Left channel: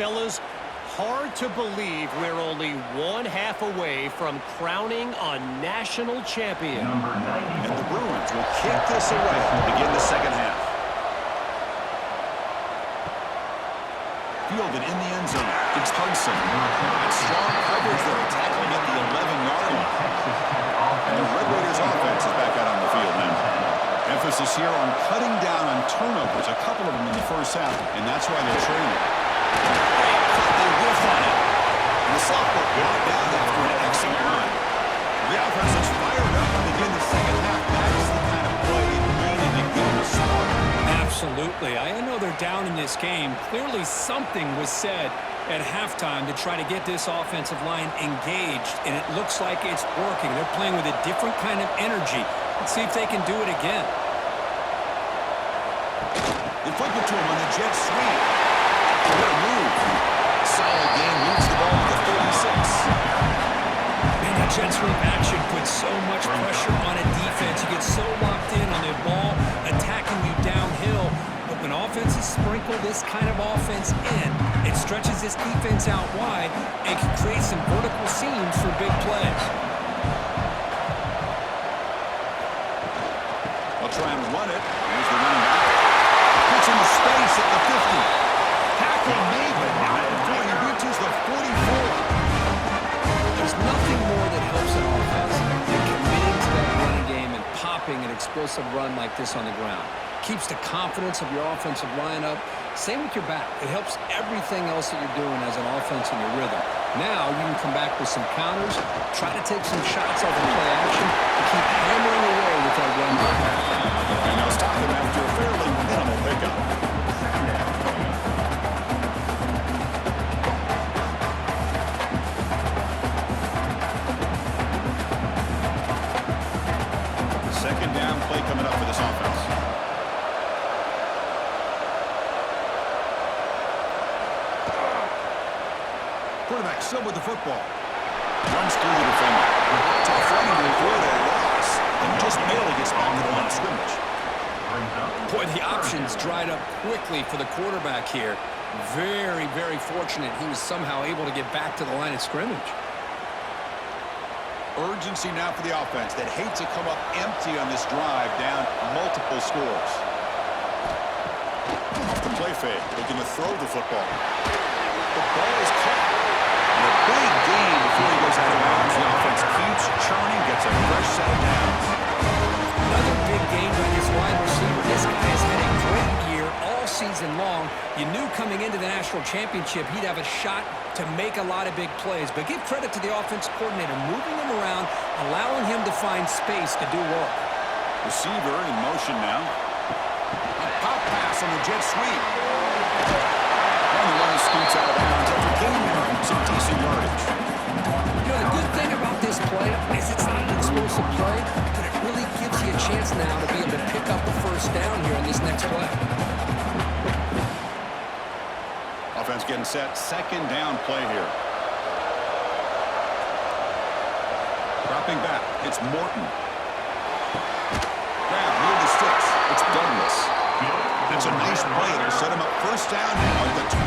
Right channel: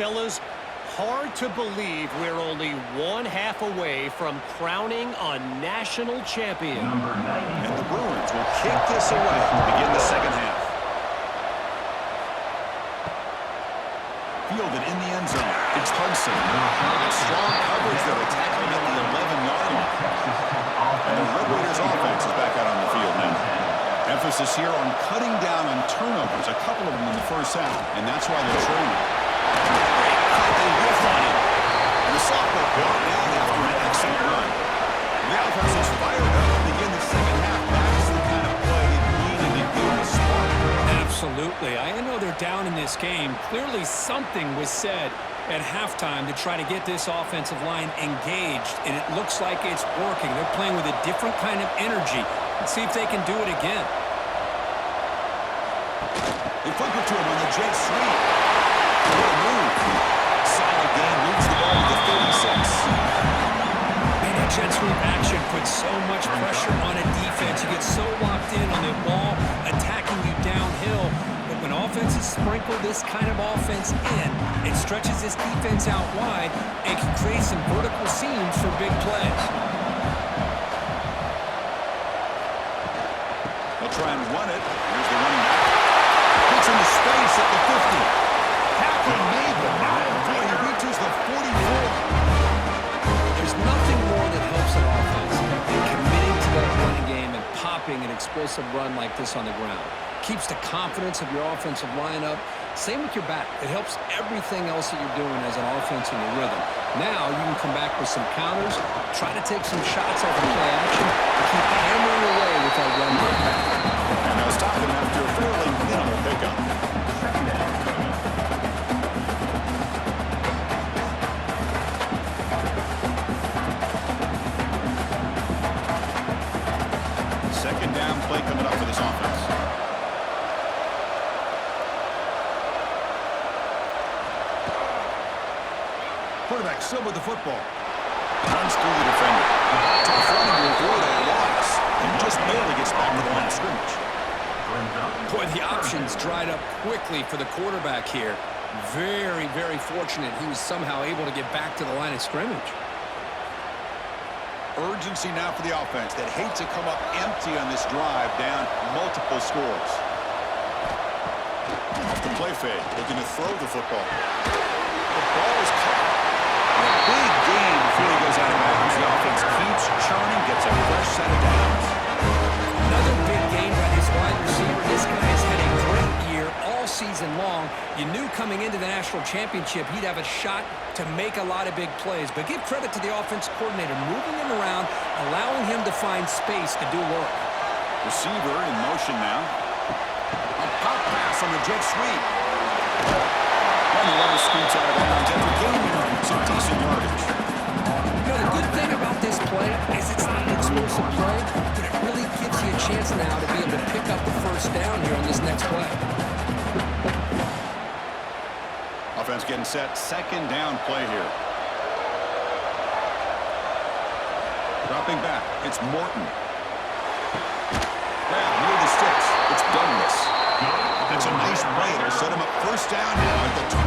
fellas. Hard to believe we're only one half away from crowning a national champion. And the Bruins will kick this away to begin the second half. Fielded in the end zone. It's Hudson. And strong coverage there. They tackle him at the 11-yard line. And the Red Raiders offense is back out on the field now. Emphasis here on cutting down on turnovers, a couple of them in the first half, and that's why they're trailing. Great cut, they whiff on it. And the sophomore brought down after an excellent run. The offense is fired up to begin the second half. That's the kind of play it needed to give them a spark. Absolutely. I know they're down in this game. Clearly something was said at halftime to try to get this offensive line engaged, and it looks like it's working. They're playing with a different kind of energy. Let's see if they can do it again. They flip it to him on the jet sweep. What a move. Solid game, moves the ball to the 36. Man, that jet sweep action puts so much pressure on a defense. You get so locked in on the ball attacking you downhill. But when offenses sprinkle this kind of offense in, it stretches this defense out wide and can create some vertical seams for big plays. They'll try and run it. Here's the running back. Gets into space at the 50. Tackle made, but not before he reaches the 44. There's nothing more that helps an offense than committing to that running game and popping an explosive run like this on the ground. Keeps the confidence of your offensive lineup. Same with your back. It helps everything else that you're doing as an offense in your rhythm. Now you can come back with some counters, try to take some shots off of play action, and keep hammering away with that run game. And they'll stop them after a fairly minimal pickup. Second down play coming up for this offense. Quarterback still with the football. Runs through the defender. Tough running to avoid a loss and just barely gets back to the line of scrimmage. Boy, the options dried up quickly for the quarterback here. Very, very fortunate he was somehow able to get back to the line of scrimmage. Urgency now for the offense that hates to come up empty on this drive, down multiple scores. Off the play fake, looking to throw the football. The ball is caught. And a big gain before he goes out of bounds. The offense keeps churning, gets a fresh set of downs. Another big game by this wide receiver. This guy has had a great year all season long. You knew coming into the national championship he'd have a shot to make a lot of big plays. But give credit to the offense coordinator, moving him around, allowing him to find space to do work. Receiver in motion now. A pop pass on the jet sweep. And the runner scoots out of bounds after gaining some decent yardage. You know, the good thing about this play is it's not an explosive play, but it really gives you a chance now to be able to pick up the first down here on this next play. Offense getting set. Second down play here. Dropping back. It's Morton. Grab near the sticks. It's Douglas. That's a nice play. It'll set him up first down now at the 12.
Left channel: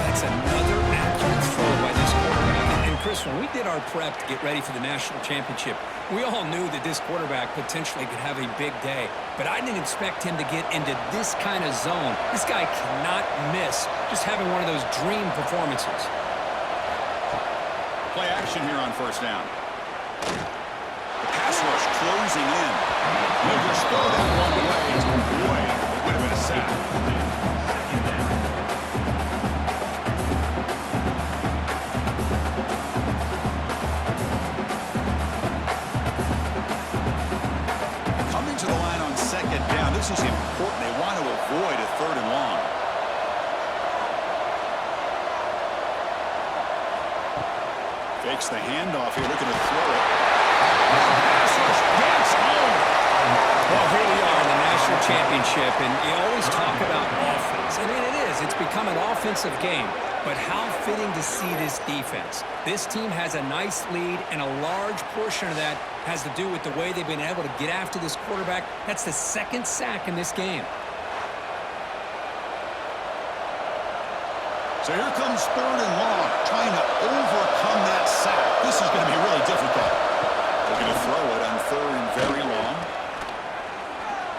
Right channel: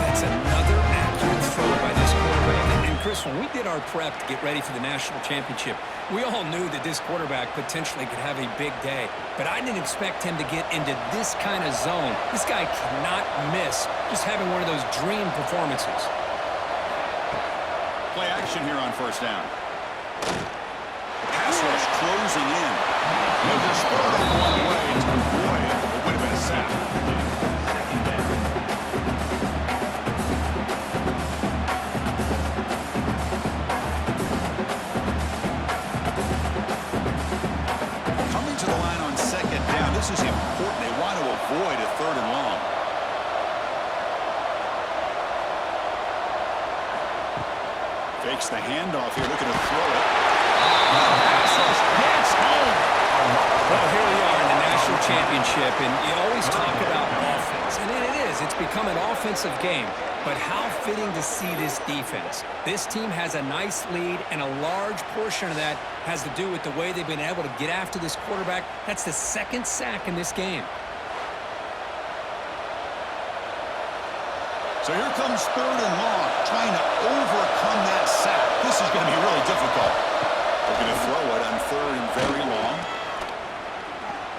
That's another accurate throw by this quarterback. And Chris, when we did our prep to get ready for the national championship, we all knew that this quarterback potentially could have a big day. But I didn't expect him to get into this kind of zone. This guy cannot miss just having one of those dream performances. Play action here on first down. The pass rush closing in. He'll just throw that one away. Boy, it would have been a sack. Coming to the line on second down. This is important. They want to avoid a third and long. Fakes the handoff here, looking to throw it. Pass rush gets home. Well, here we are in the national championship, and you always talk about offense. And it is. It's become an offensive game. But how fitting to see this defense. This team has a nice lead, and a large portion of that has to do with the way they've been able to get after this quarterback. That's the second sack in this game. So here comes 3rd and long, trying to overcome that sack. This is going to be really difficult. They're going to throw it on 3rd and very long.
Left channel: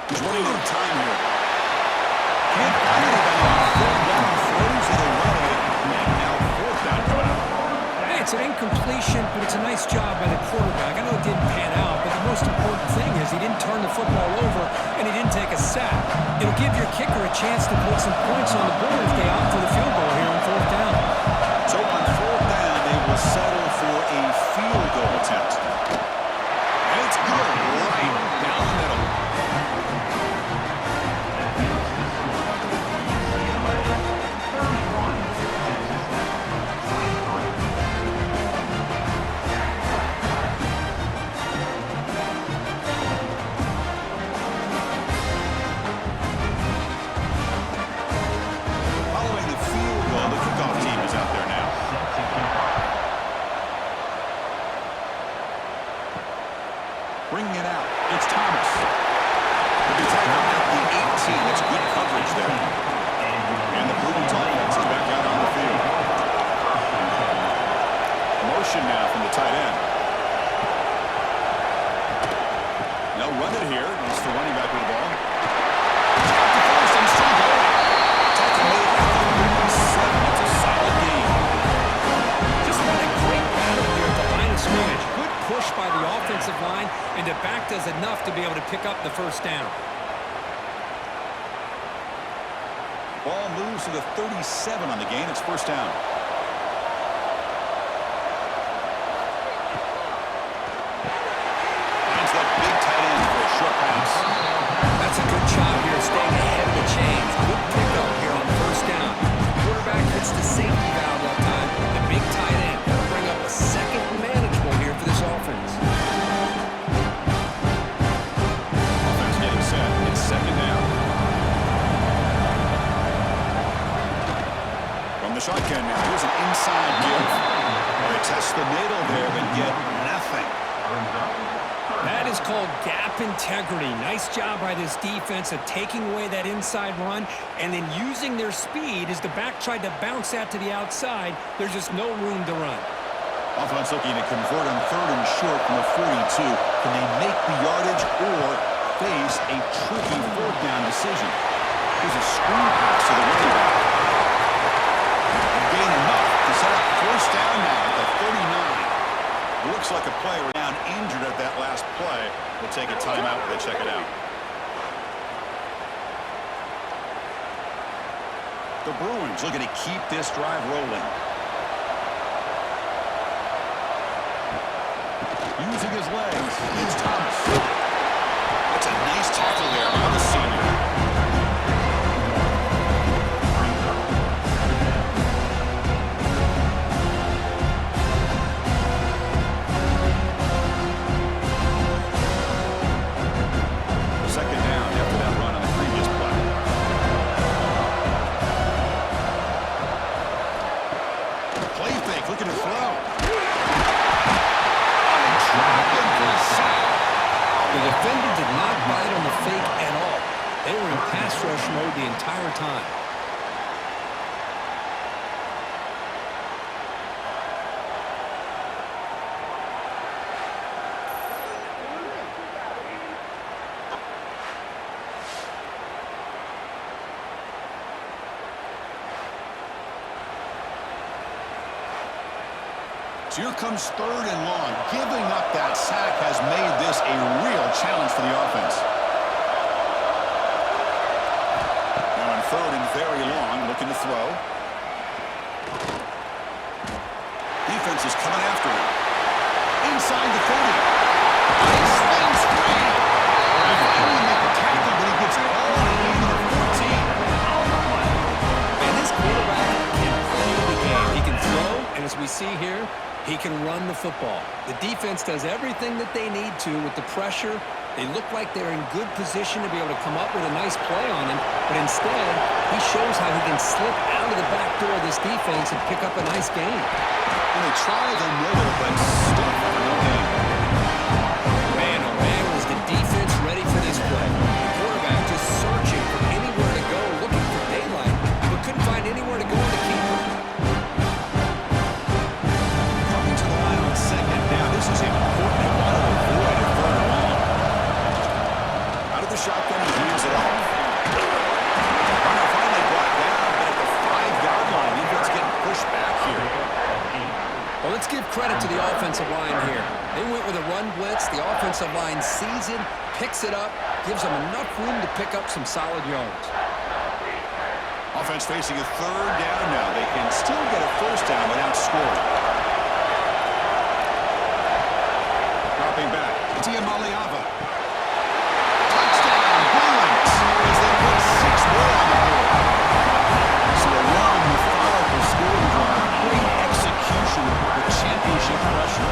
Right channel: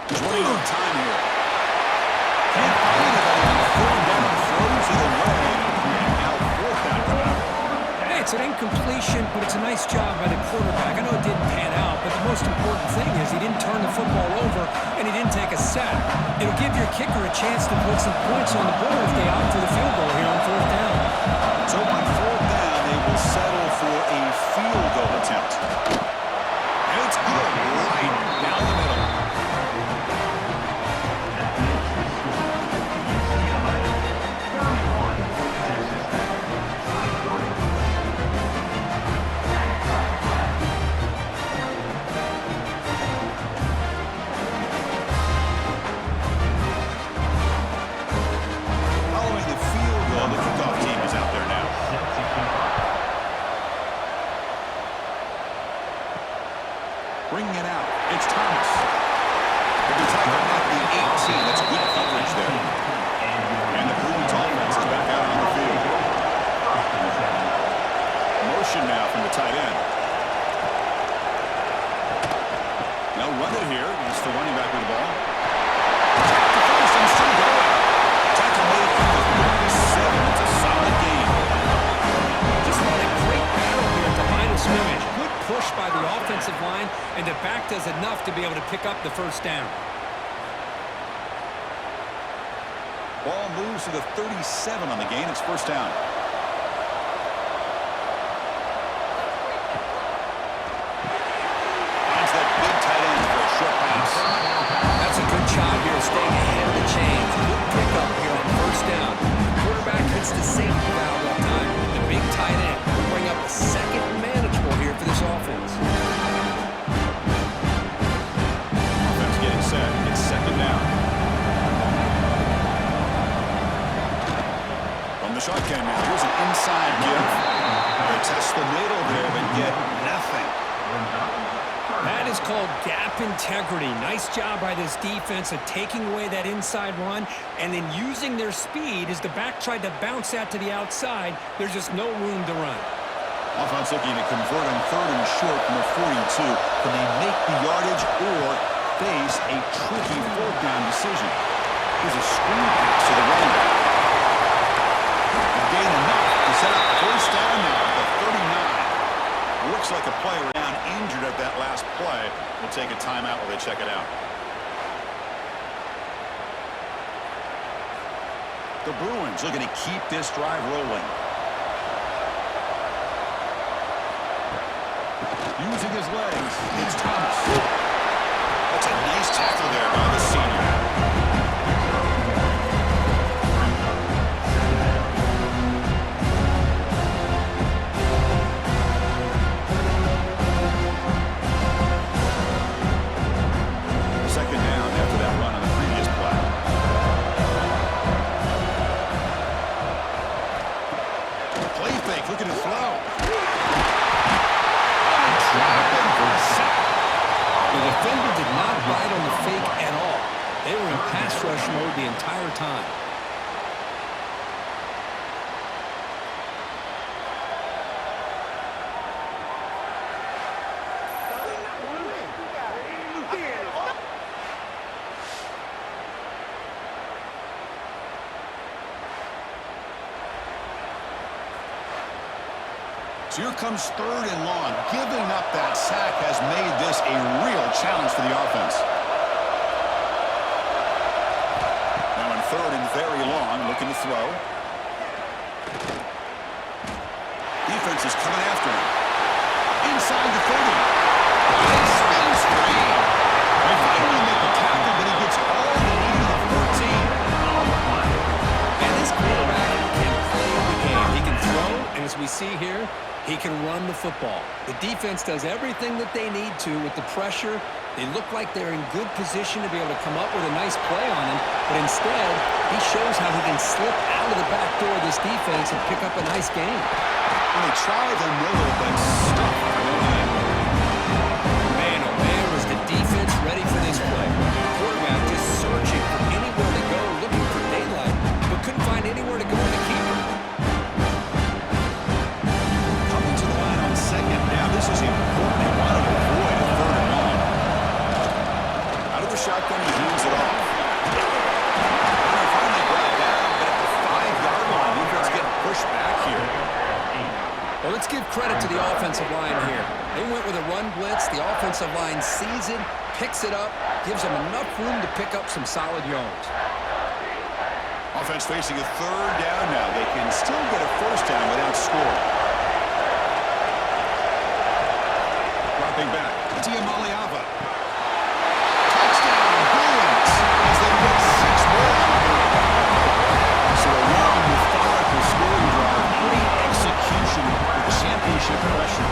He's running out of time here. Can't find anybody on 3rd down, throws it away, and now 4th down coming up. Hey, it's an incompletion, but it's a nice job by the quarterback. I know it didn't pan out, but the most important thing is he didn't turn the football over and he didn't take a sack. It'll give your kicker a chance to put some points on the board if they opt for the field goal here on 4th down. So on 4th down, they will settle for a field goal attempt. And it's good right down the middle. Following the field goal, the kickoff team is out there now. Bringing it out, it's Thomas. He'll be tackled at the 18. That's good coverage there. And the Bruins offense is back out on the field. Motion now from the tight end. They'll run it here. It's the running back with the ball. Tap to first and still going. Tackle made at the 37. It's a solid game. Just what a great battle here at the line of scrimmage. Good push by the offensive line, and the back does enough to be able to pick up the 1st down. Ball moves to the 37 on the gain. It's 1st down. Finds that big tight end for a short pass. That's a good job here staying ahead of the chains. Good pickup here on 1st down. The quarterback hits the safety valve that time. The big tight end will bring up a 2nd manageable here for this offense. Offense getting set. It's 2nd down. From the shotgun now. Here's an inside give. They test the middle there, but get nothing. That is called gap integrity. Nice job by this defense of taking away that inside run and then using their speed as the back tried to bounce that to the outside. There's just no room to run. Offense looking to convert on 3rd and short from the 42. Can they make the yardage or face a tricky 4th down decision? Here's a screen pass to the running back. Gain enough to set up 1st down now at the 39. Looks like a player down injured at that last play. We'll take a timeout while they check it out. The Bruins looking to keep this drive rolling. Using his legs, it's Thomas. That's a nice tackle there by the senior. Looking to throw. Dropping for a sack. The defender did not bite on the fake at all. They were in pass rush mode the entire time. So here comes 3rd and long. Giving up that sack has made this a real challenge for the offense. Now on 3rd and very long, looking to throw. Defense is coming after him. Inside the 30. Nice spin screen. They finally make the tackle, but he gets all the way to the 14. And this quarterback can play the game. He can throw, and as we see here, he can run the football. The defense does everything that they need to with the pressure. They look like they're in good position to be able to come up with a nice play on him, but instead, he shows how he can slip out of the back door of this defense and pick up a nice gain. And they try the middle, but stuck for no gain. Man, oh man, was the defense ready for this play. The quarterback just searching for anywhere to go, looking for daylight, but couldn't find anywhere to go in the keeper. Well, let's give credit to the offensive line here. They went with a run blitz. The offensive line sees it, picks it up, gives them enough room to pick up some solid yards. Offense facing a third down now. They can still get a first down without scoring. Dropping back. Diamaliava. Touchdown, Bruins, as they put 6 more on the board. So a long, methodical scoring drive. Great execution with championship pressure.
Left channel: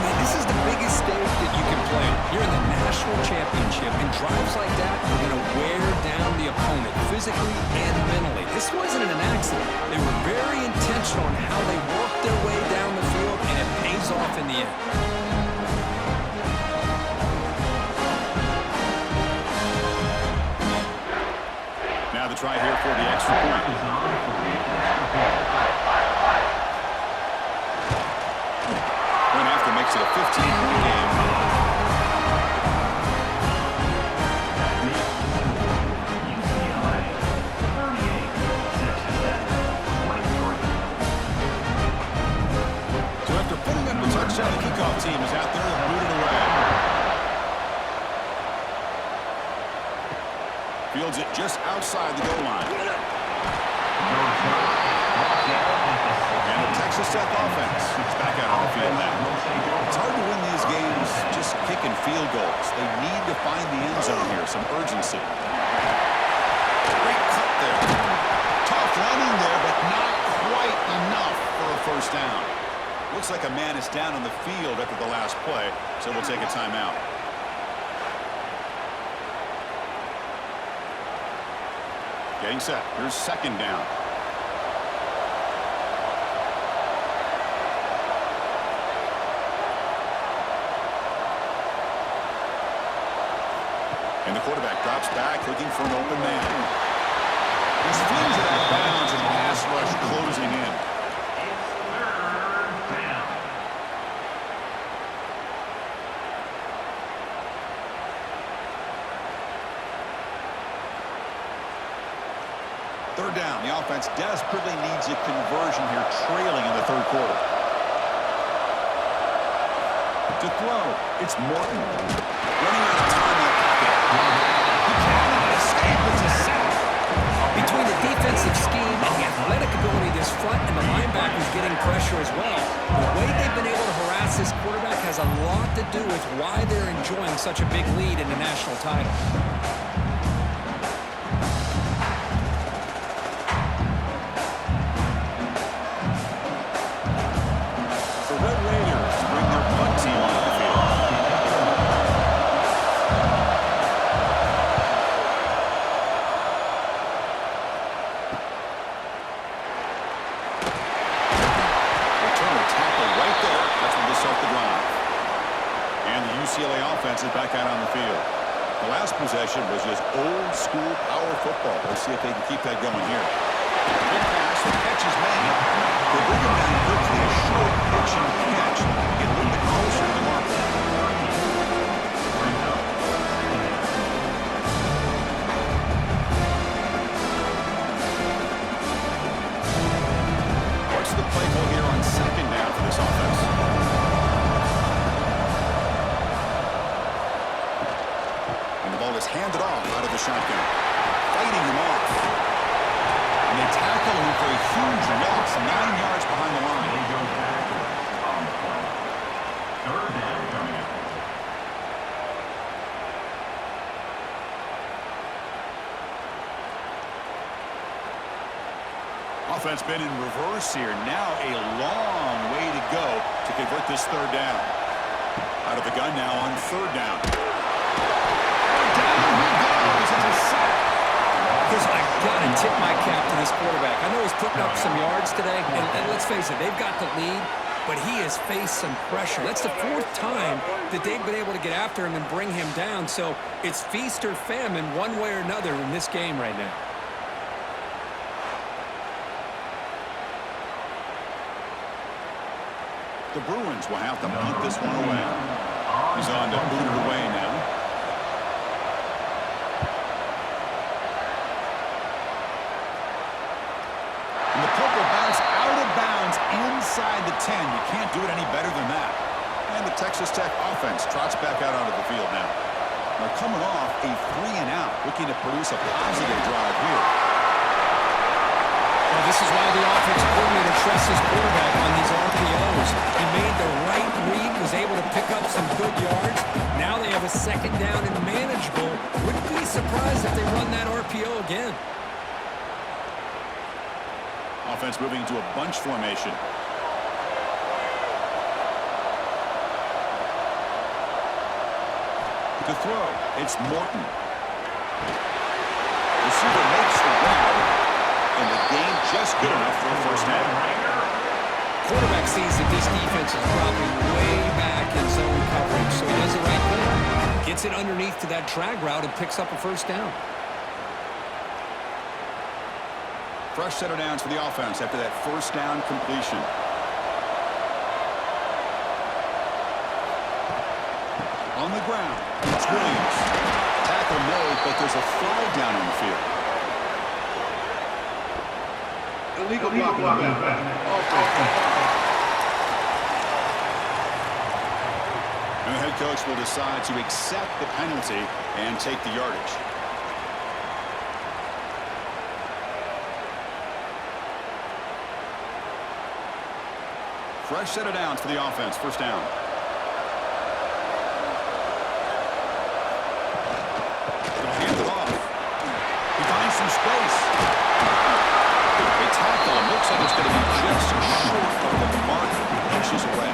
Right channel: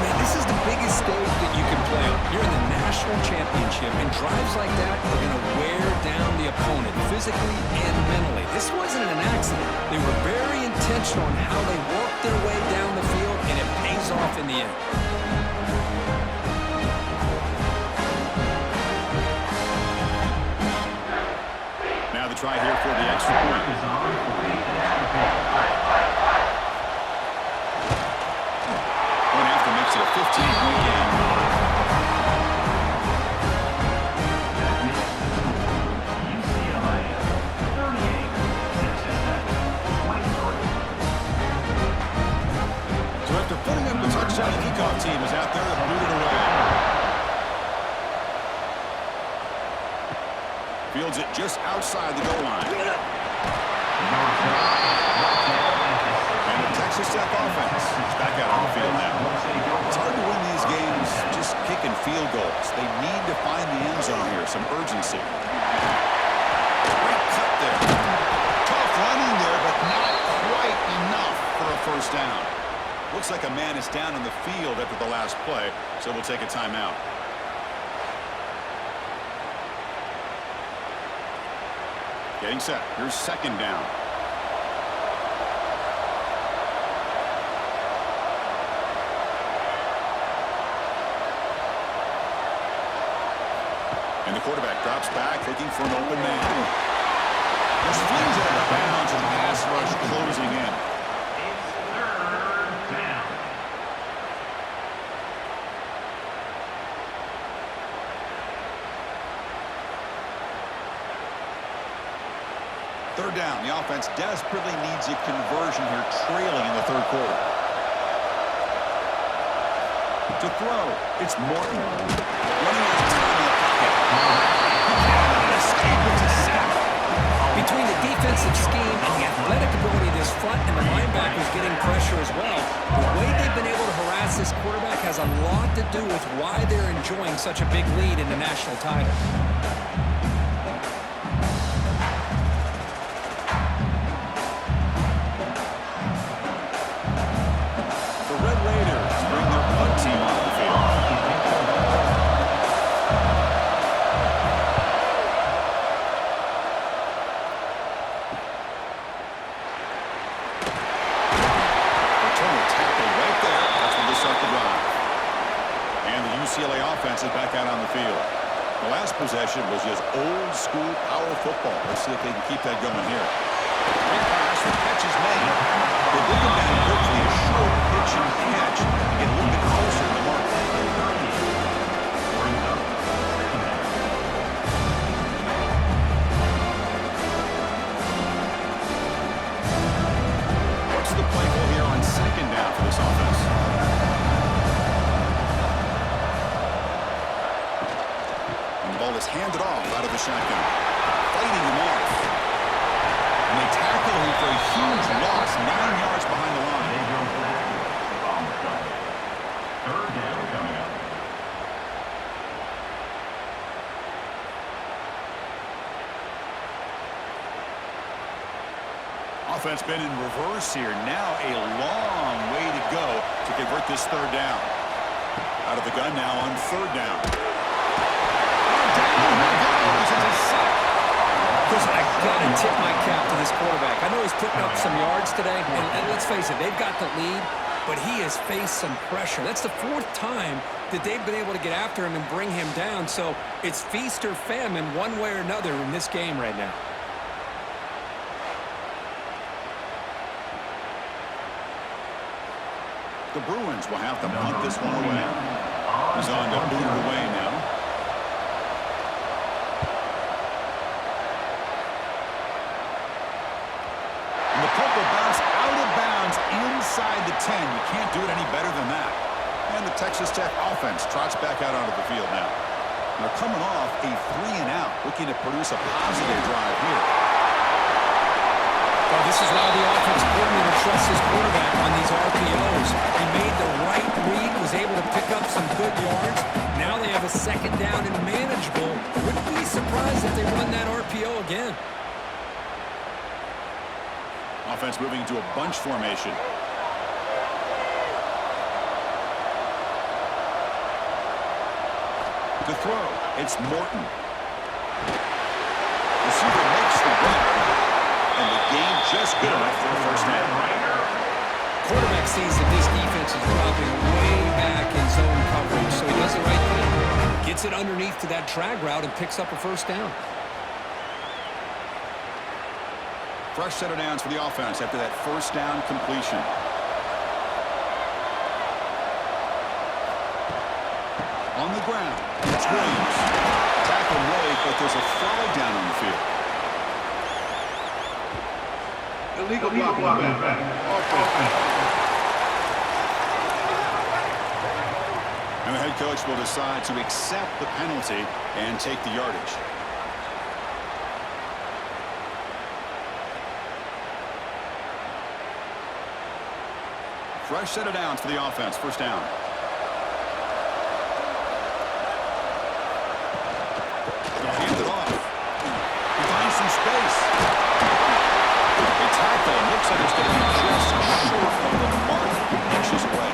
Man, this is the biggest stage that you can play on. You're in the national championship, and drives like that are going to wear down the opponent physically and mentally. This wasn't an accident. They were very intentional on how they worked their way down the field, and it pays off in the end. Now the try here for the extra point. Point after makes it a 15-point game. That makes the score UCLA 38, Texas 23. So after putting up a touchdown, the kickoff team is out there and booted away. Fields it just outside the goal line. And the Texas Tech offense is back out on the field now. It's hard to win these games just kicking field goals. They need to find the end zone here, some urgency. Great cut there. Tough running there, but not quite enough for a first down. Looks like a man is down on the field after the last play, so we'll take a timeout. Getting set. Here's second down. And the quarterback drops back, looking for an open man. Just flings it out of bounds, and pass rush closing in. It's third down. Third down. The offense desperately needs a conversion here, trailing in the third quarter. To throw, it's Morton. Running out of time in the pocket. He cannot escape. It's a sack. Between the defensive scheme and the athletic ability of this front and the linebackers getting pressure as well, the way they've been able to harass this quarterback has a lot to do with why they're enjoying such a big lead in the national title. The Red Raiders bring their punt team onto the field. Returner tackle right there. That's when they'll start the drive. And the UCLA offense is back out on the field. The last possession was just old school power football. Let's see if they can keep that going here. Quick pass, the catch is made. They bring him down quickly, a short pitch and catch to get a little bit closer to the marker. Brings up second down. What's the play call here on second down for this offense? And the ball is handed off out of the shotgun. Fighting him off. And they tackle him for a huge loss, 9 yards behind the line. They go backwards on the play. Third down coming up. Offense been in reverse here. Now a long way to go to convert this third down. Out of the gun now on third down. Oh, down he goes. It's a sack. Because I got to tip my cap to this quarterback. I know he's putting up some yards today, and let's face it, they've got the lead, but he has faced some pressure. That's the fourth time that they've been able to get after him and bring him down, so it's feast or famine one way or another in this game right now. The Bruins will have to punt this one away. He's on to boot it away now. And the puck will bounce out of bounds inside the 10. You can't do it any better than that. And the Texas Tech offense trots back out onto the field now. They're coming off a 3-and-out, looking to produce a positive drive here. Well, this is why the offensive coordinator trusts his quarterback on these RPOs. He made the right read, was able to pick up some good yards. Now they have a second down and manageable. Wouldn't be surprised if they run that RPO again. Offense moving into a bunch formation. To throw, it's Morton. Receiver makes the grab, and the game just good enough for a first down. Quarterback sees that this defense is dropping way back in zone coverage, so he does the right thing. Gets it underneath to that drag route and picks up a first down. Fresh set of downs for the offense after that first down completion. On the ground, it's Williams. Tackle made, but there's a flag down on the field. Illegal blocking. And the head coach will decide to accept the penalty and take the yardage. Fresh set of downs for the offense. First down. They'll hand it off. He finds some space. They tackle him. Looks like it's going to be just short of the mark, inches away.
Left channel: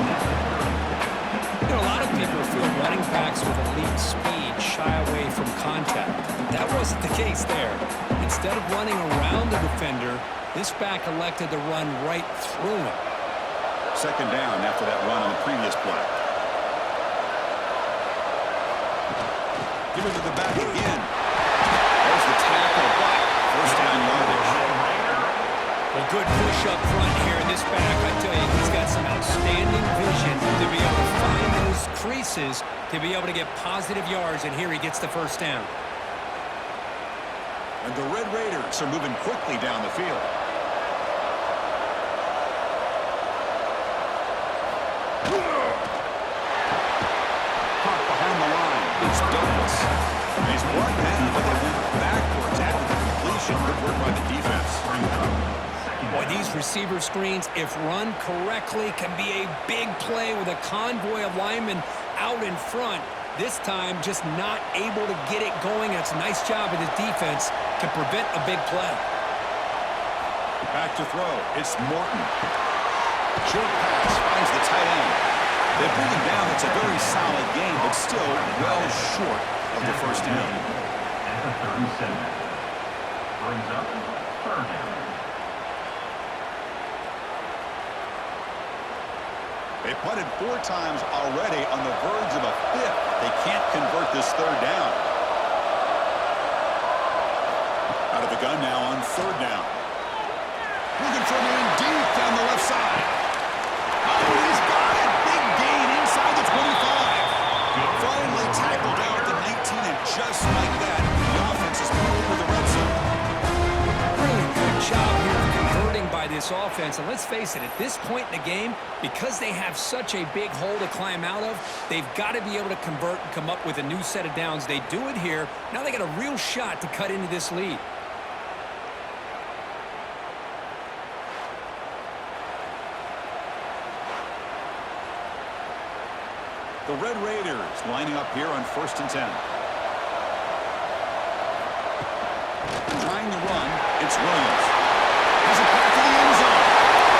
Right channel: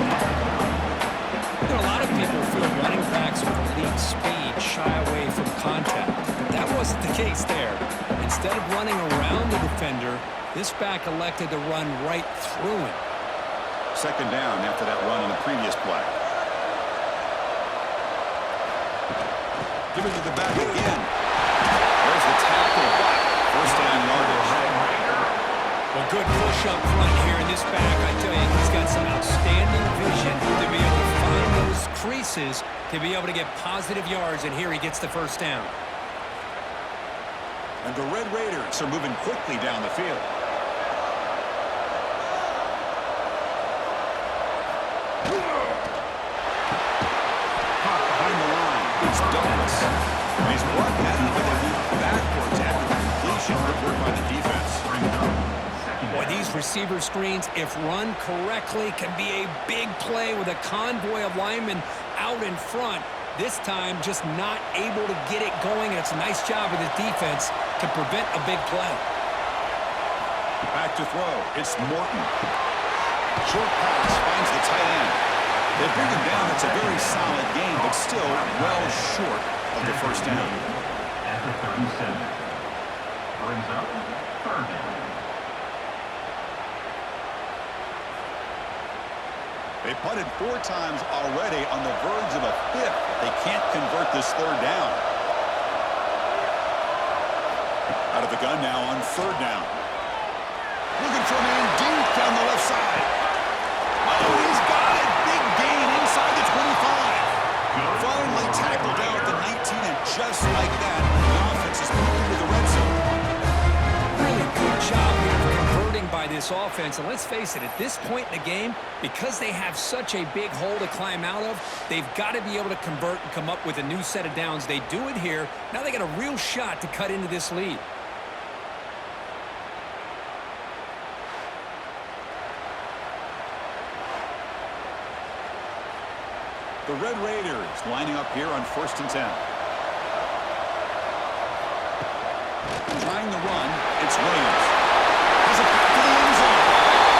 You know, a lot of people feel running backs with elite speed shy away from contact, but that wasn't the case there. Instead of running around the defender, this back elected to run right through him. Second down after that run on the previous play. Give it to the back again. There's the tackle, but first down yardage. Well, good push up front here in this back. I tell you, he's got some outstanding vision to be able to find those creases to be able to get positive yards, and here he gets the first down. And the Red Raiders are moving quickly down the field. Caught behind the line. It's Douglas. And he's brought down, but they went backwards after the completion. Good work by the defense. Boy, these receiver screens, if run correctly, can be a big play with a convoy of linemen out in front. This time, just not able to get it going, and it's a nice job of the defense to prevent a big play. Back to throw. It's Morton. Short pass finds the tight end. They bring him down. It's a very solid game, but still well short of the first down. At the 37. Brings up third down. They punted 4 times already, on the verge of a 5th. They can't convert this third down. Out of the gun now on third down. Looking for a man deep down the left side. Oh, he's got it. Big gain inside the 25. Finally tackled out at the 19, and just like that, the offense is moving to the red zone. Really good job here of converting by this offense. And let's face it, at this point in the game, because they have such a big hole to climb out of, they've got to be able to convert and come up with a new set of downs. They do it here. Now they got a real shot to cut into this lead. The Red Raiders lining up here on 1st and 10. Trying to run, it's Williams. Has a pass to the end zone.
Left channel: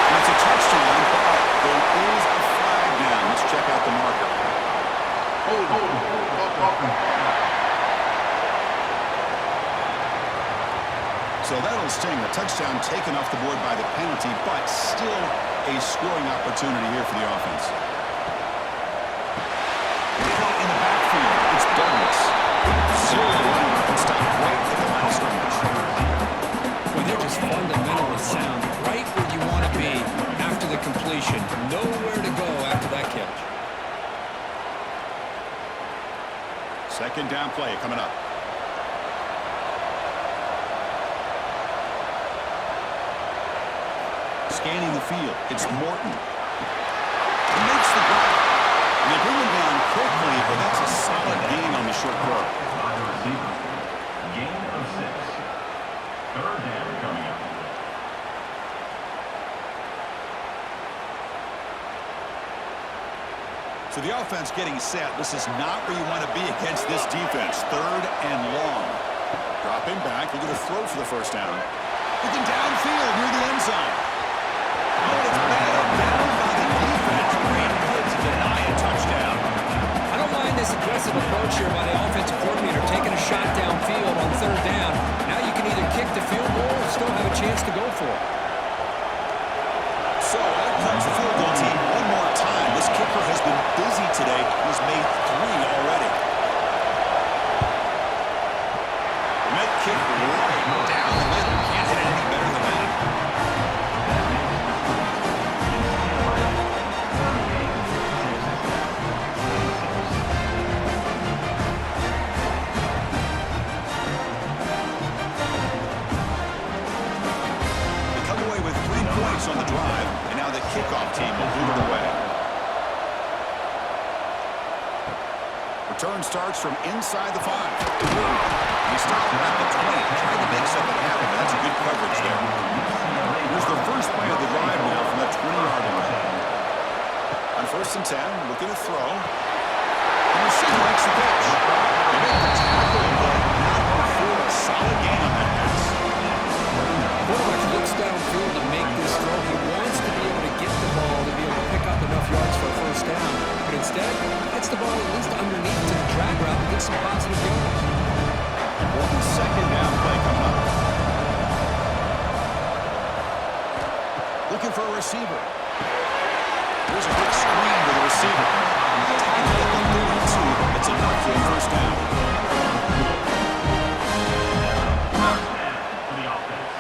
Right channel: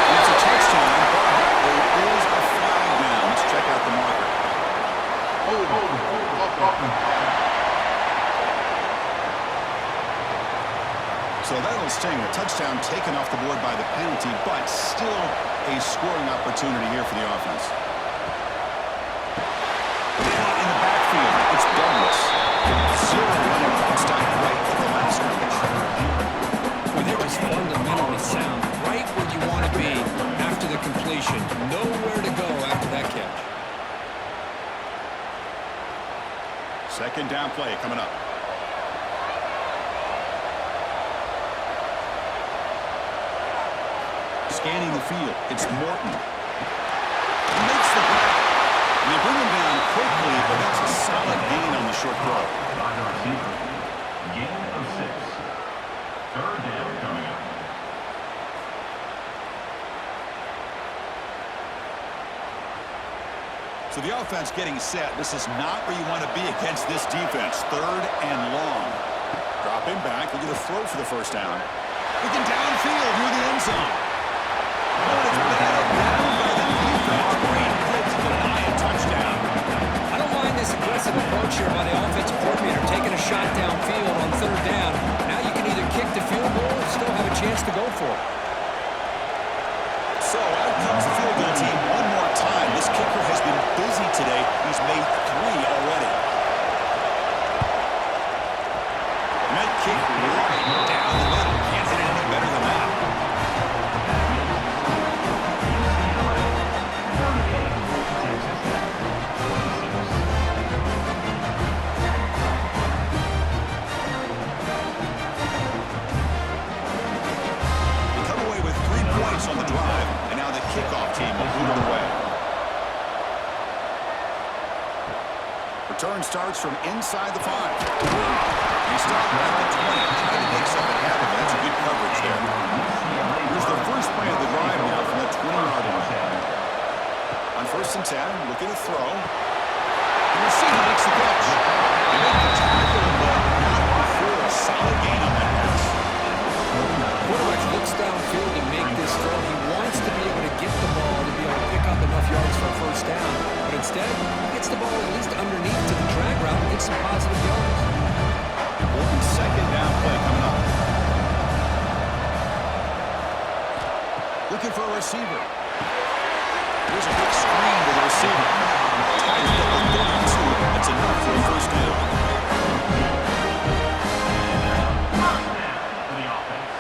And it's a touchdown, but there is a flag down. Let's check out the marker. So that'll sting. The touchdown taken off the board by the penalty, but still a scoring opportunity here for the offense. Caught in the backfield, it's Douglas. Zero running back, stopped right at the line of scrimmage. Well, they're just fundamentally sound, right where you want to be after the completion. Nowhere to go after that catch. Second down play coming up. Scanning the field, it's Morton. He makes the grab. And they bring him down quickly, but that's a solid gain on the short throw. By the receiver. Gain of 6. Third down coming up. So the offense getting set. This is not where you want to be against this defense. Third and long. Dropping back. Looking to throw for the first down. Looking downfield near the end zone. Oh, and it's batted down by the defense. Great play to deny a touchdown. I don't mind this aggressive approach here by the offensive coordinator, taking a shot downfield on third down. Now you can either kick the field goal or still have a chance to go for it. So out comes the field goal team one more time. This kicker has been busy today. He's made 3 already. And that kick right down the middle. Can't hit it any better than that. That makes the score UCLA 38, Texas Tech 26. They come away with 3 points on the drive, and now the kickoff team will boot it away. Return starts from inside the 5. He stopped at the 20, trying to make something happen, but that's a good coverage there. Here's the first play of the drive now from the 20-yard line. On first and 10, looking to throw. The receiver makes the catch. They make the tackle, but not before a solid gain on that pass. Quarterback looks downfield to make this throw. He wants to be able to get the ball to be able to pick up enough yards for a first down, but instead, he gets the ball at least underneath to the drag route and gets some positive yards. Important second down play coming up. Looking for a receiver. Here's a quick screen to the receiver. Tackled at the 32. That's enough for a first down. First down for the offense.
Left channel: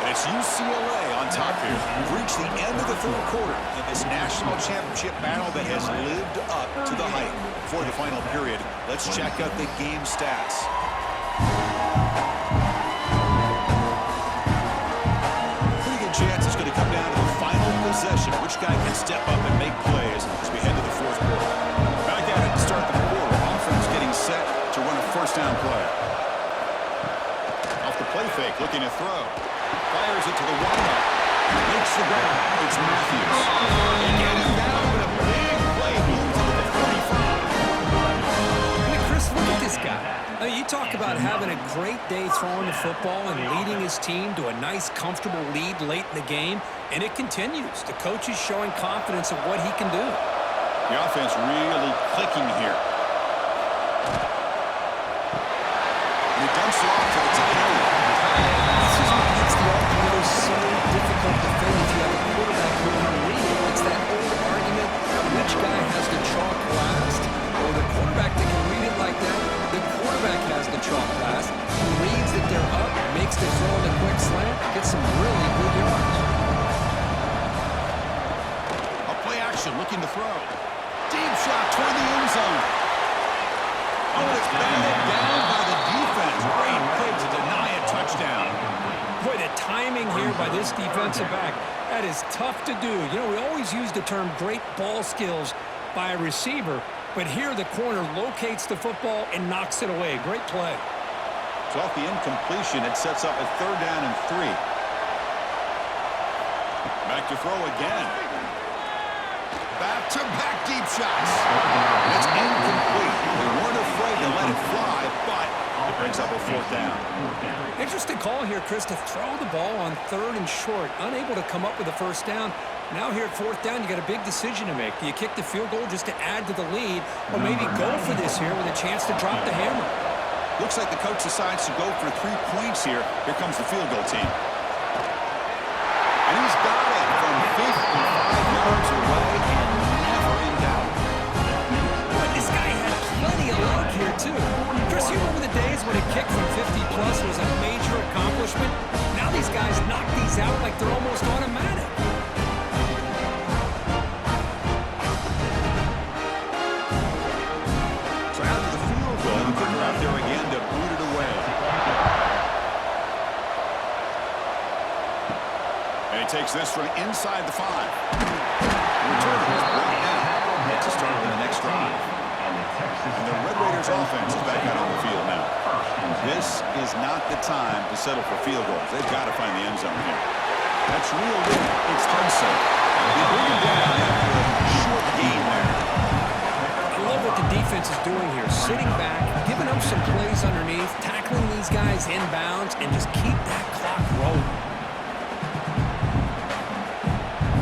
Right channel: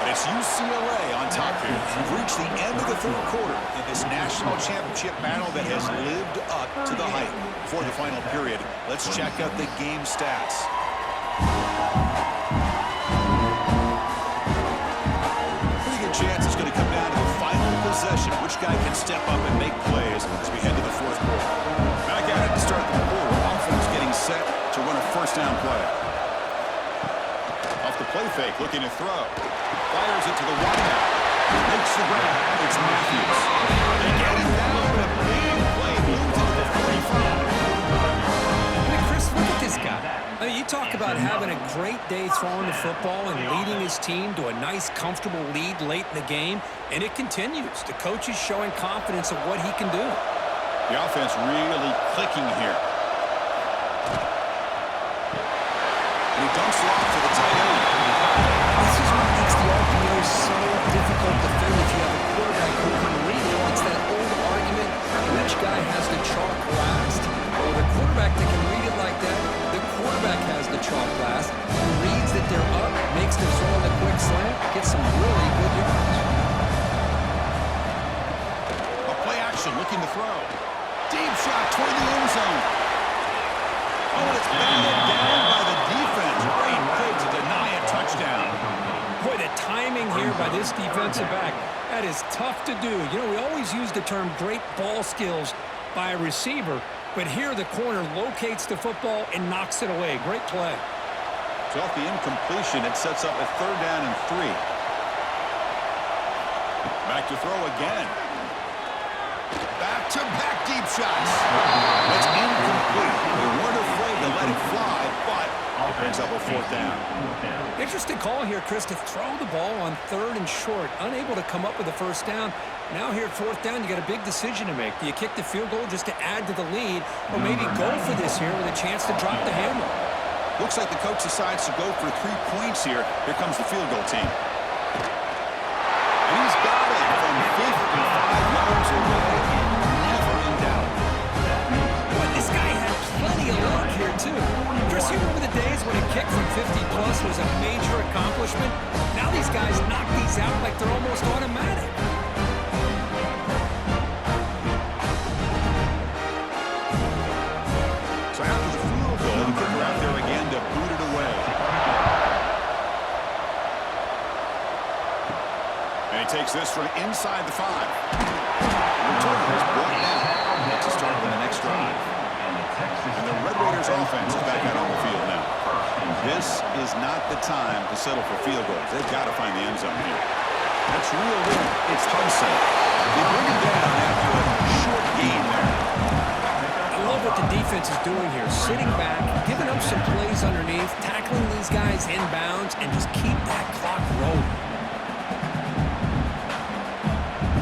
And it's UCLA on top here. We've reached the end of the third quarter in this national championship battle that has lived up to the hype. Before the final period, let's check out the game stats. Pretty good chance it's going to come down to the final possession. Which guy can step up and make plays as we head to the fourth quarter. Back at it to start the quarter. Offense getting set to run a first down play. Off the play fake, looking to throw. Fires it to the wideout. Makes the grab. It's Matthews. They get him down, but a big play moves into the 45. I mean, Chris, look at this guy. I mean, you talk about having a great day throwing the football and leading his team to a nice, comfortable lead late in the game, and it continues. The coach is showing confidence of what he can do. The offense really clicking here. And he dumps it off to the tight end. This is what makes the RPO so difficult to defend if you have a quarterback who can read it. It's that old argument, which guy has the chalk last? Or the quarterback that can read it like that, the quarterback has the chalk last, who reads that they're up, makes the throw on the quick slant, gets some really good yards. A play action, looking to throw. Deep shot toward the end zone. Oh, and it's batted down by the defense. Great play to deny a touchdown. Boy, the timing here by this defensive back, that is tough to do. You know, we always use the term great ball skills by a receiver, but here the corner locates the football and knocks it away. Great play. So off the incompletion, it sets up a third down and 3. Back to throw again. Back-to-back deep shots. And it's incomplete. They weren't afraid to let it fly, but it brings up a fourth down. Interesting call here, Chris, to throw the ball on third and short. Unable to come up with a first down. Now here at fourth down, you got a big decision to make. Do you kick the field goal just to add to the lead, or maybe go for this here with a chance to drop the hammer? Looks like the coach decides to go for 3 points here. Here comes the field goal team. And he's got it from 55 yards away and never in doubt. But this guy had plenty of luck here, too. Chris, you remember the days when a kick from 50-plus was a major accomplishment? Now these guys knock these out like they're almost automatic. the kicker out there again to boot it away. And he takes this from inside the 5. The returner is brought down. Gets a start on the next drive. And the Red Raiders offense is back out on the field now. This is not the time to settle for field goals. They've got to find the end zone here. That's reeled in. It's Hudson. They bring him down after a short gain there. I love what the defense is doing here. Sitting back, giving up some plays underneath, tackling these guys inbounds, and just keep that clock rolling.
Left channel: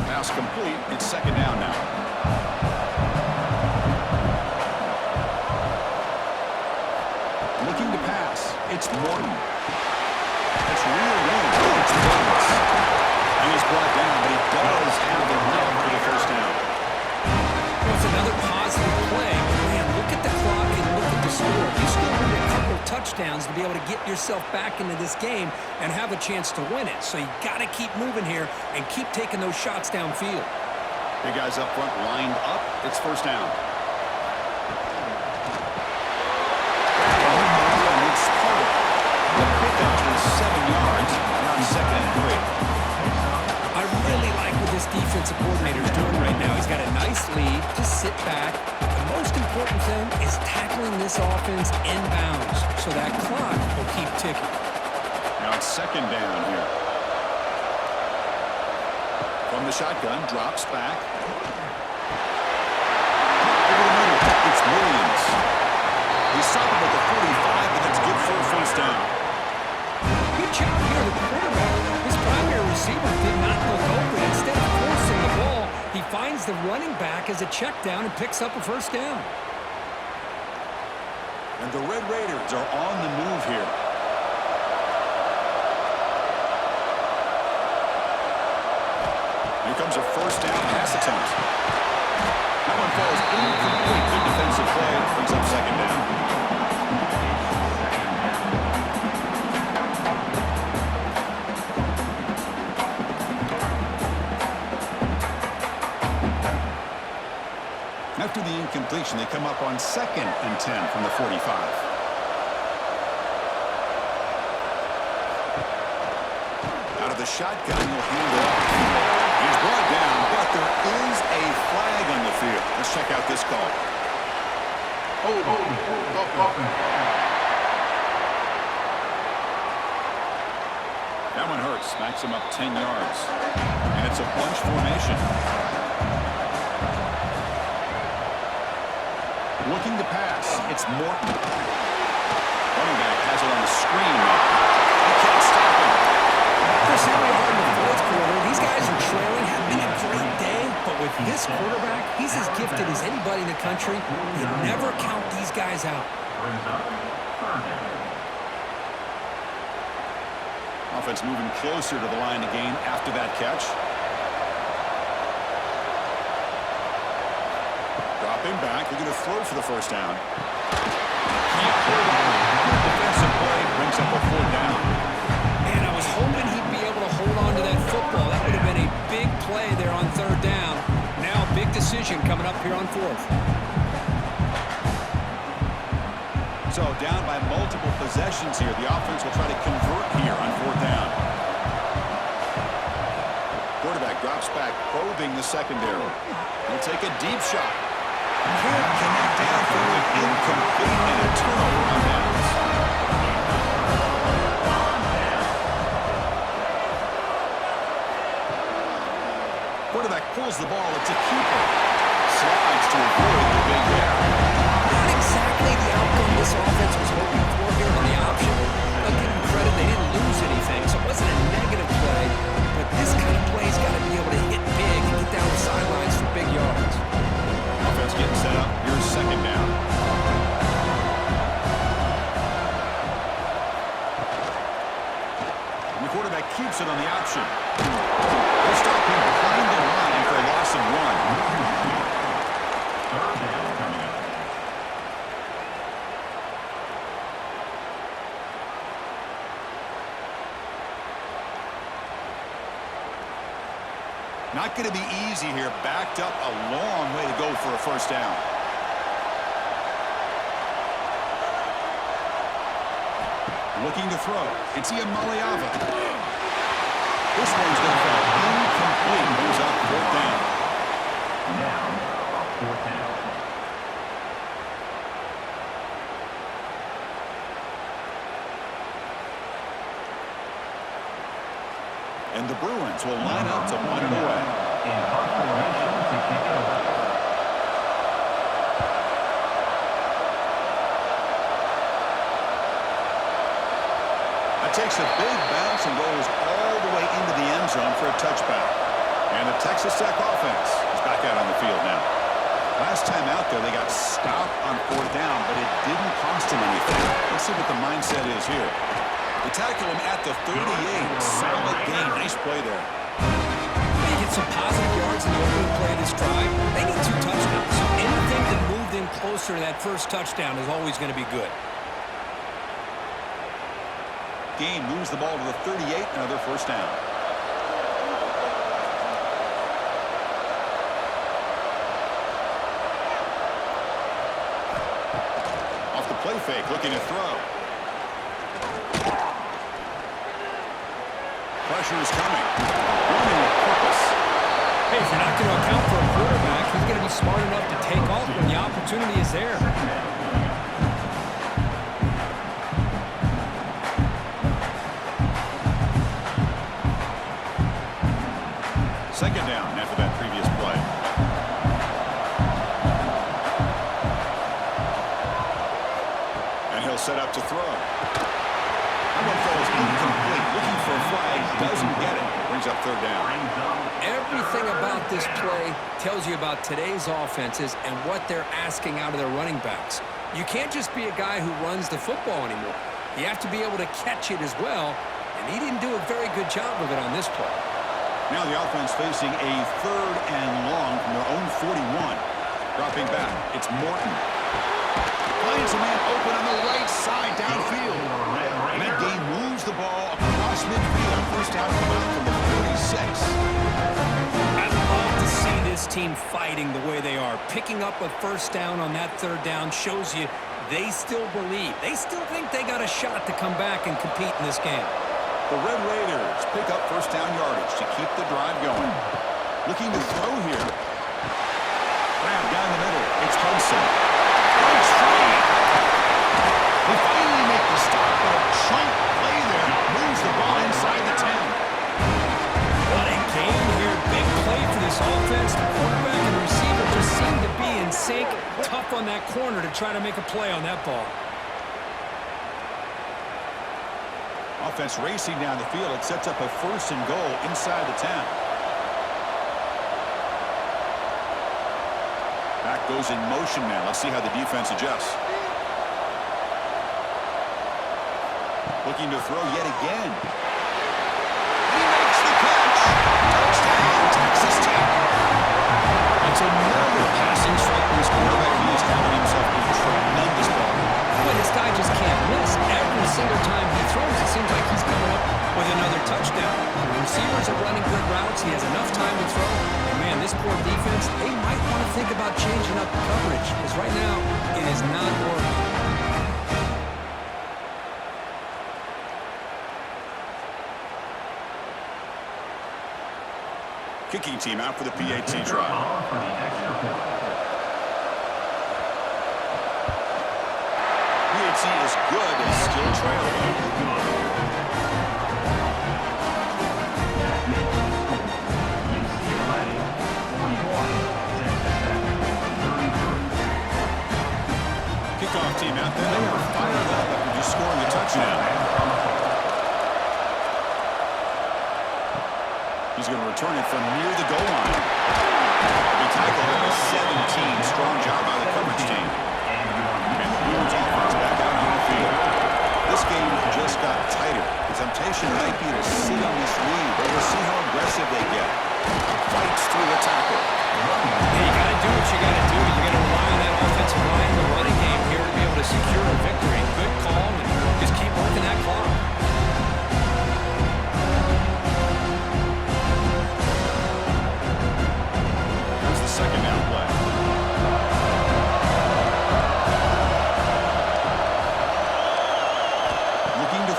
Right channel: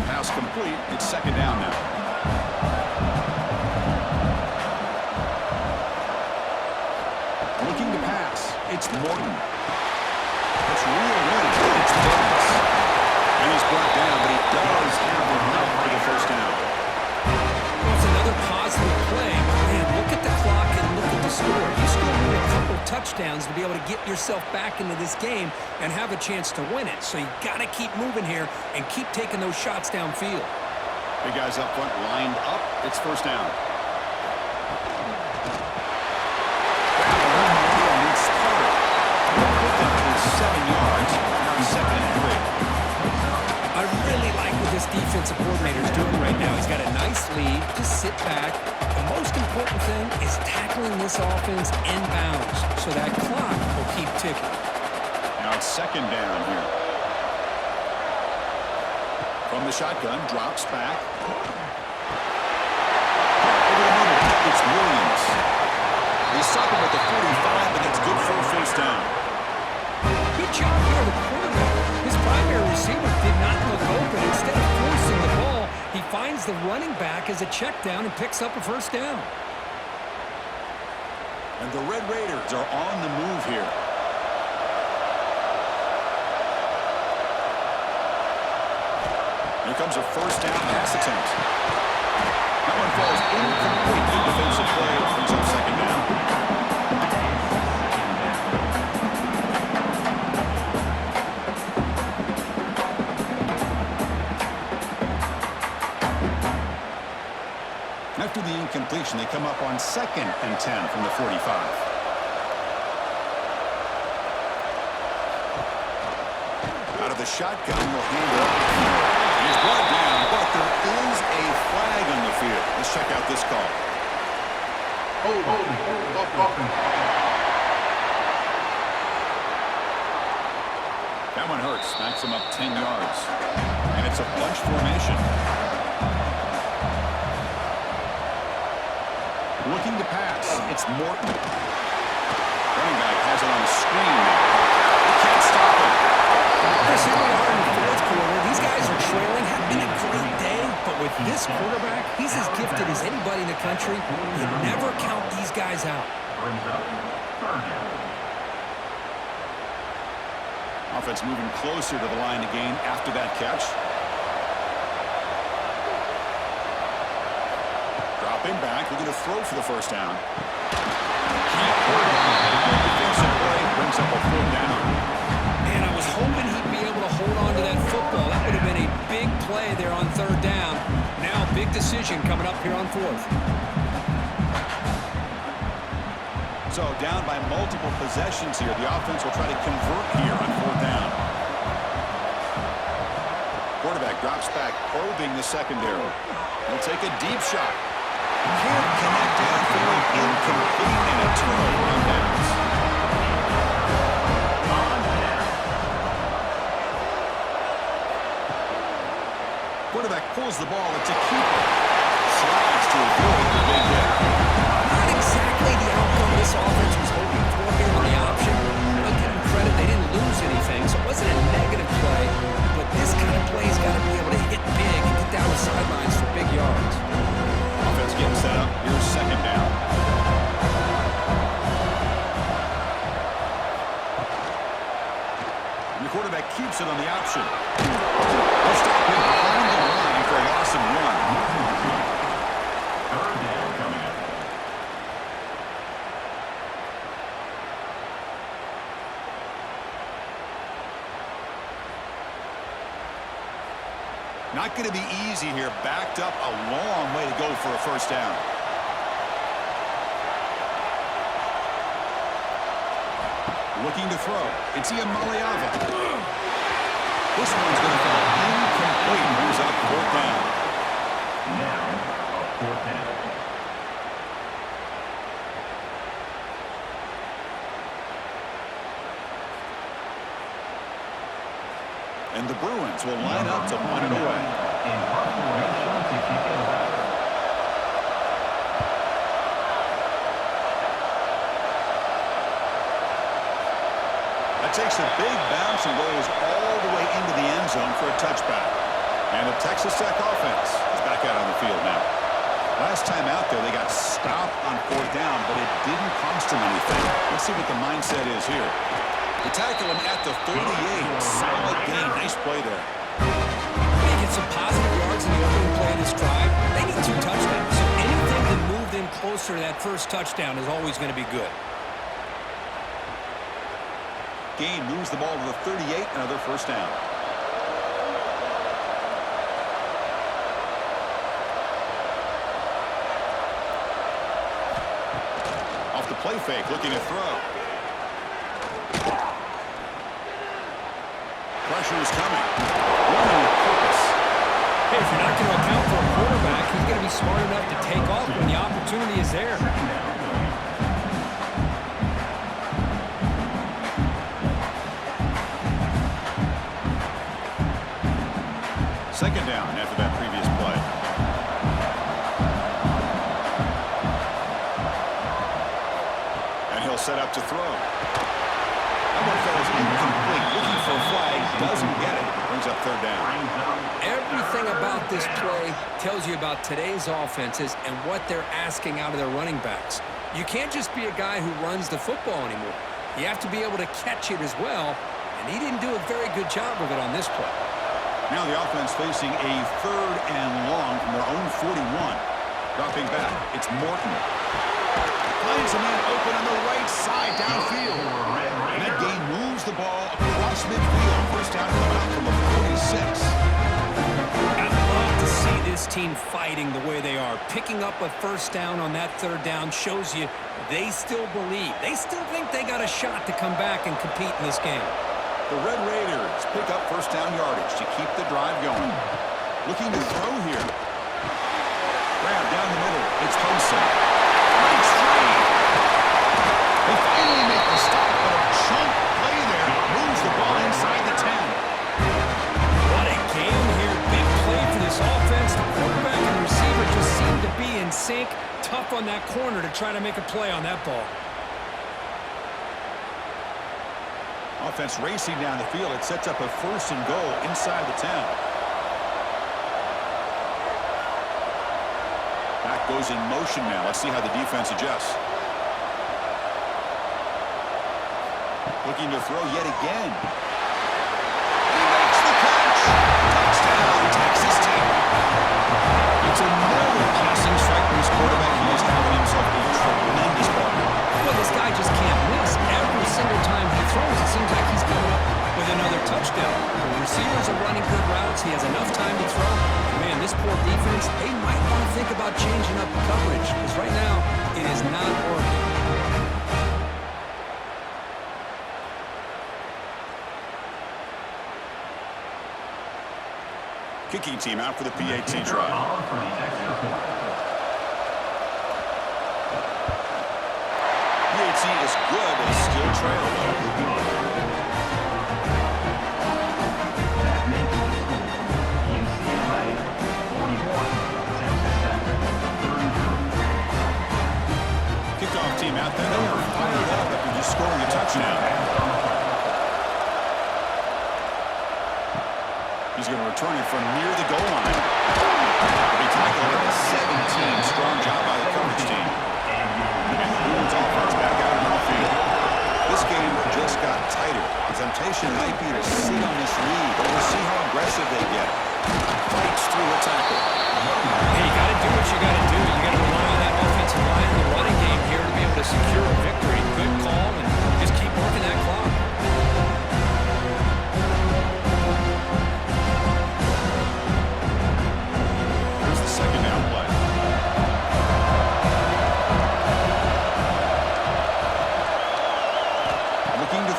Pass complete. It's second down now. Looking to pass. It's Morton. That's reeled in. It's Douglas. And he's brought down, but he does have enough for the first down. Well, it's another positive play, but man, look at the clock and look at the score. You still need a couple touchdowns to be able to get yourself back into this game and have a chance to win it. So you got to keep moving here and keep taking those shots downfield. Big guys up front lined up. It's first down. And it's Carter. The pickup is 7 yards. Now it's second and 3. I really like what this defensive coordinator is doing right now. He's got a nice lead. Just sit back. The most important thing is tackling this offense inbounds so that clock will keep ticking. Now it's second down here. From the shotgun, drops back. Over the middle, it's Williams. They stop him at the 45, but that's good for a first down. Good job here, the quarterback. His primary receiver did not look open. Instead of forcing the ball, he finds the running back as a check down and picks up a first down. And the Red Raiders are on the move here. Here comes a first down pass attempt. That one falls incomplete. Good defensive play. Brings up second down. After the incompletion, they come up on 2nd and 10 from the 45. Out of the shotgun, he'll hand it off. He's brought down, but there is a flag on the field. Let's check out this call. Hold. That one hurts. Smacks him up 10 yards. And it's a bunch formation. Looking to pass. It's Morton. Running back has it on the screen now. They can't stop him. Chris, here we are in the fourth quarter. These guys are trailing, having a great day, but with this quarterback, he's as gifted as anybody in the country. You never count these guys out. Brings up third down. Offense moving closer to the line to gain after that catch. Dropping back, looking to throw for the first down. Can't hold on. Good defensive play, brings up a fourth down. And I was hoping he'd be able to hold on to that football. That would have been a big play there on third down. Now a big decision coming up here on fourth. So down by multiple possessions here. The offense will try to convert here on fourth down. Quarterback drops back, probing the secondary. He'll take a deep shot. Can't connect downfield, incomplete, and a turnover on downs. Quarterback pulls the ball. It's a keeper. Slides to avoid the big hit. Not exactly the outcome this offense was hoping for here on the option. I'll give them credit, they didn't lose anything, so it wasn't a negative play. But this kind of play's got to be able to hit big and get down the sidelines for big yards. Offense getting set up. Here's second down. And the quarterback keeps it on the option. They'll stop him behind the line for a loss of 1. Third down coming up. Not going to be easy here. Backed up a long way to go for a first down. Looking to throw. It's Iamaleava. This one's going to fall incomplete. Brings up 4th down. Now, a 4th down. And the Bruins will line up to punt it away. In punt formation to kick it away. That takes a big bounce and rolls all the way into the end zone for a touchback. And the Texas Tech offense is back out on the field now. Last time out there, they got stopped on 4th down, but it didn't cost them anything. Let's see what the mindset is here. They tackle him at the 38. Solid gain. Nice play there. They get some positive yards in the opening play of this drive. They need 2 touchdowns, so anything to move them closer to that first touchdown is always going to be good. Gain moves the ball to the 38. Another 1st down. Off the play fake, looking to throw. Pressure is coming. Running with purpose. Hey, if you're not going to account for a quarterback, he's going to be smart enough to take off when the opportunity is there. Second down after that previous play. And he'll set up to throw. That one falls incomplete. Looking for a flag. Doesn't get it. Brings up 3rd down. Everything about this play tells you about today's offenses and what they're asking out of their running backs. You can't just be a guy who runs the football anymore. You have to be able to catch it as well, and he didn't do a very good job of it on this play. Now the offense facing a 3rd and long from their own 41. Dropping back. It's Morton. Finds a man open on the right side downfield. And that gain moves the ball across midfield. First down coming out from the 46. I'd love to see this team fighting the way they are. Picking up a 1st down on that 3rd down shows you they still believe. They still think they got a shot to come back and compete in this game. The Red Raiders pick up 1st down yardage to keep the drive going. Looking to throw here. Grab down the middle. It's Hudson. Breaks free. They finally make the stop, but a chunk play there moves the ball inside the 10. What a game here. Big play for this offense. The quarterback and the receiver just seem to be in sync. Tough on that corner to try to make a play on that ball. Offense racing down the field. It sets up a 1st and goal inside the 10. Back goes in motion now. Let's see how the defense adjusts. Looking to throw yet again. And he makes the catch. Touchdown, Texas Tech. It's another passing strike from this quarterback. He is having himself a tremendous ball game. Boy, this guy just can't miss. Every single time he throws, it seems like he's coming up with another touchdown. The receivers are running good routes. He has enough time to throw. And, man, this poor defense, they might want to think about changing up coverage because right now it is not working. Kicking team out for the PAT try. For the extra point. PAT is good, but still trail though. That makes the score UCLA 41, Texas Tech 33. Kickoff team out there. They are fired up after just scoring a touchdown. He's going to return it from near the goal line. He'll be tackled at the 17. Strong job by the coverage team. And the Bruins offense back out on the field. This game just got tighter. The temptation might be to sit on this lead, but we'll see how aggressive they get. Fights through a tackle. Hey, you got to do what you got to do. You got to rely on that offensive line in the running game here to be able to secure a victory. Good call, and just keep working that clock. Here's the second down play. Looking to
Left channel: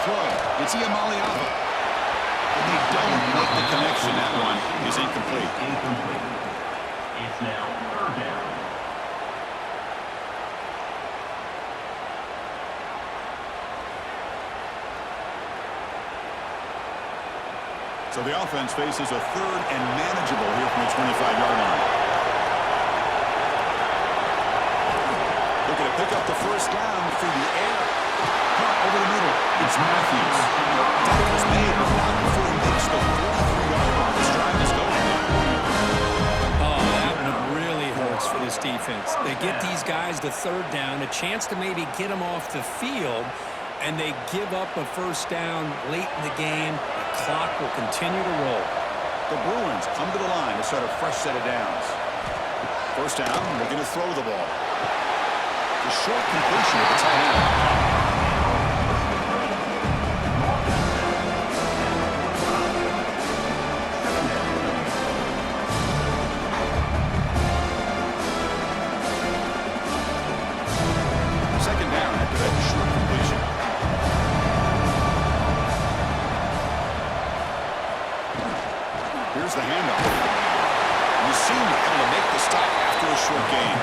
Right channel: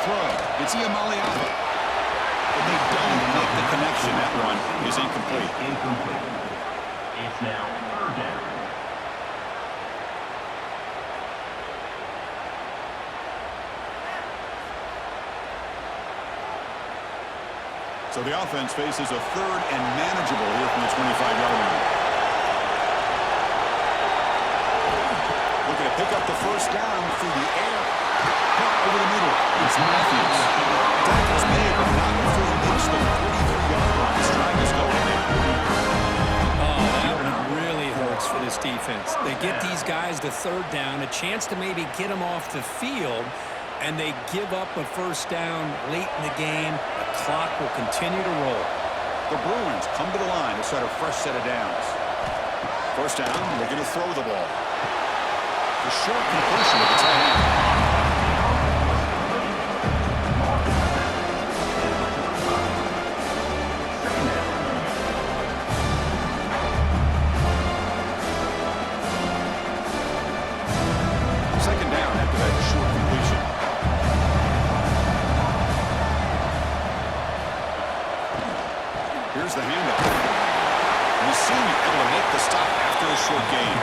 So the offense faces a third and manageable here from the 25-yard line. Looking to pick up the first down through the air. Caught over the middle. It's Matthews. Tackle's made, but not before he makes the 43-yard line. This drive is going there. Oh, that one really hurts for this defense. They get these guys to third down, a chance to maybe get them off the field, and they give up a first down late in the game. The clock will continue to roll. The Bruins come to the line to start a fresh set of downs. First down, looking to throw the ball. The short completion of the tight end. Second down after that short completion. Here's the handoff. And the senior able to make the stop after a short gain.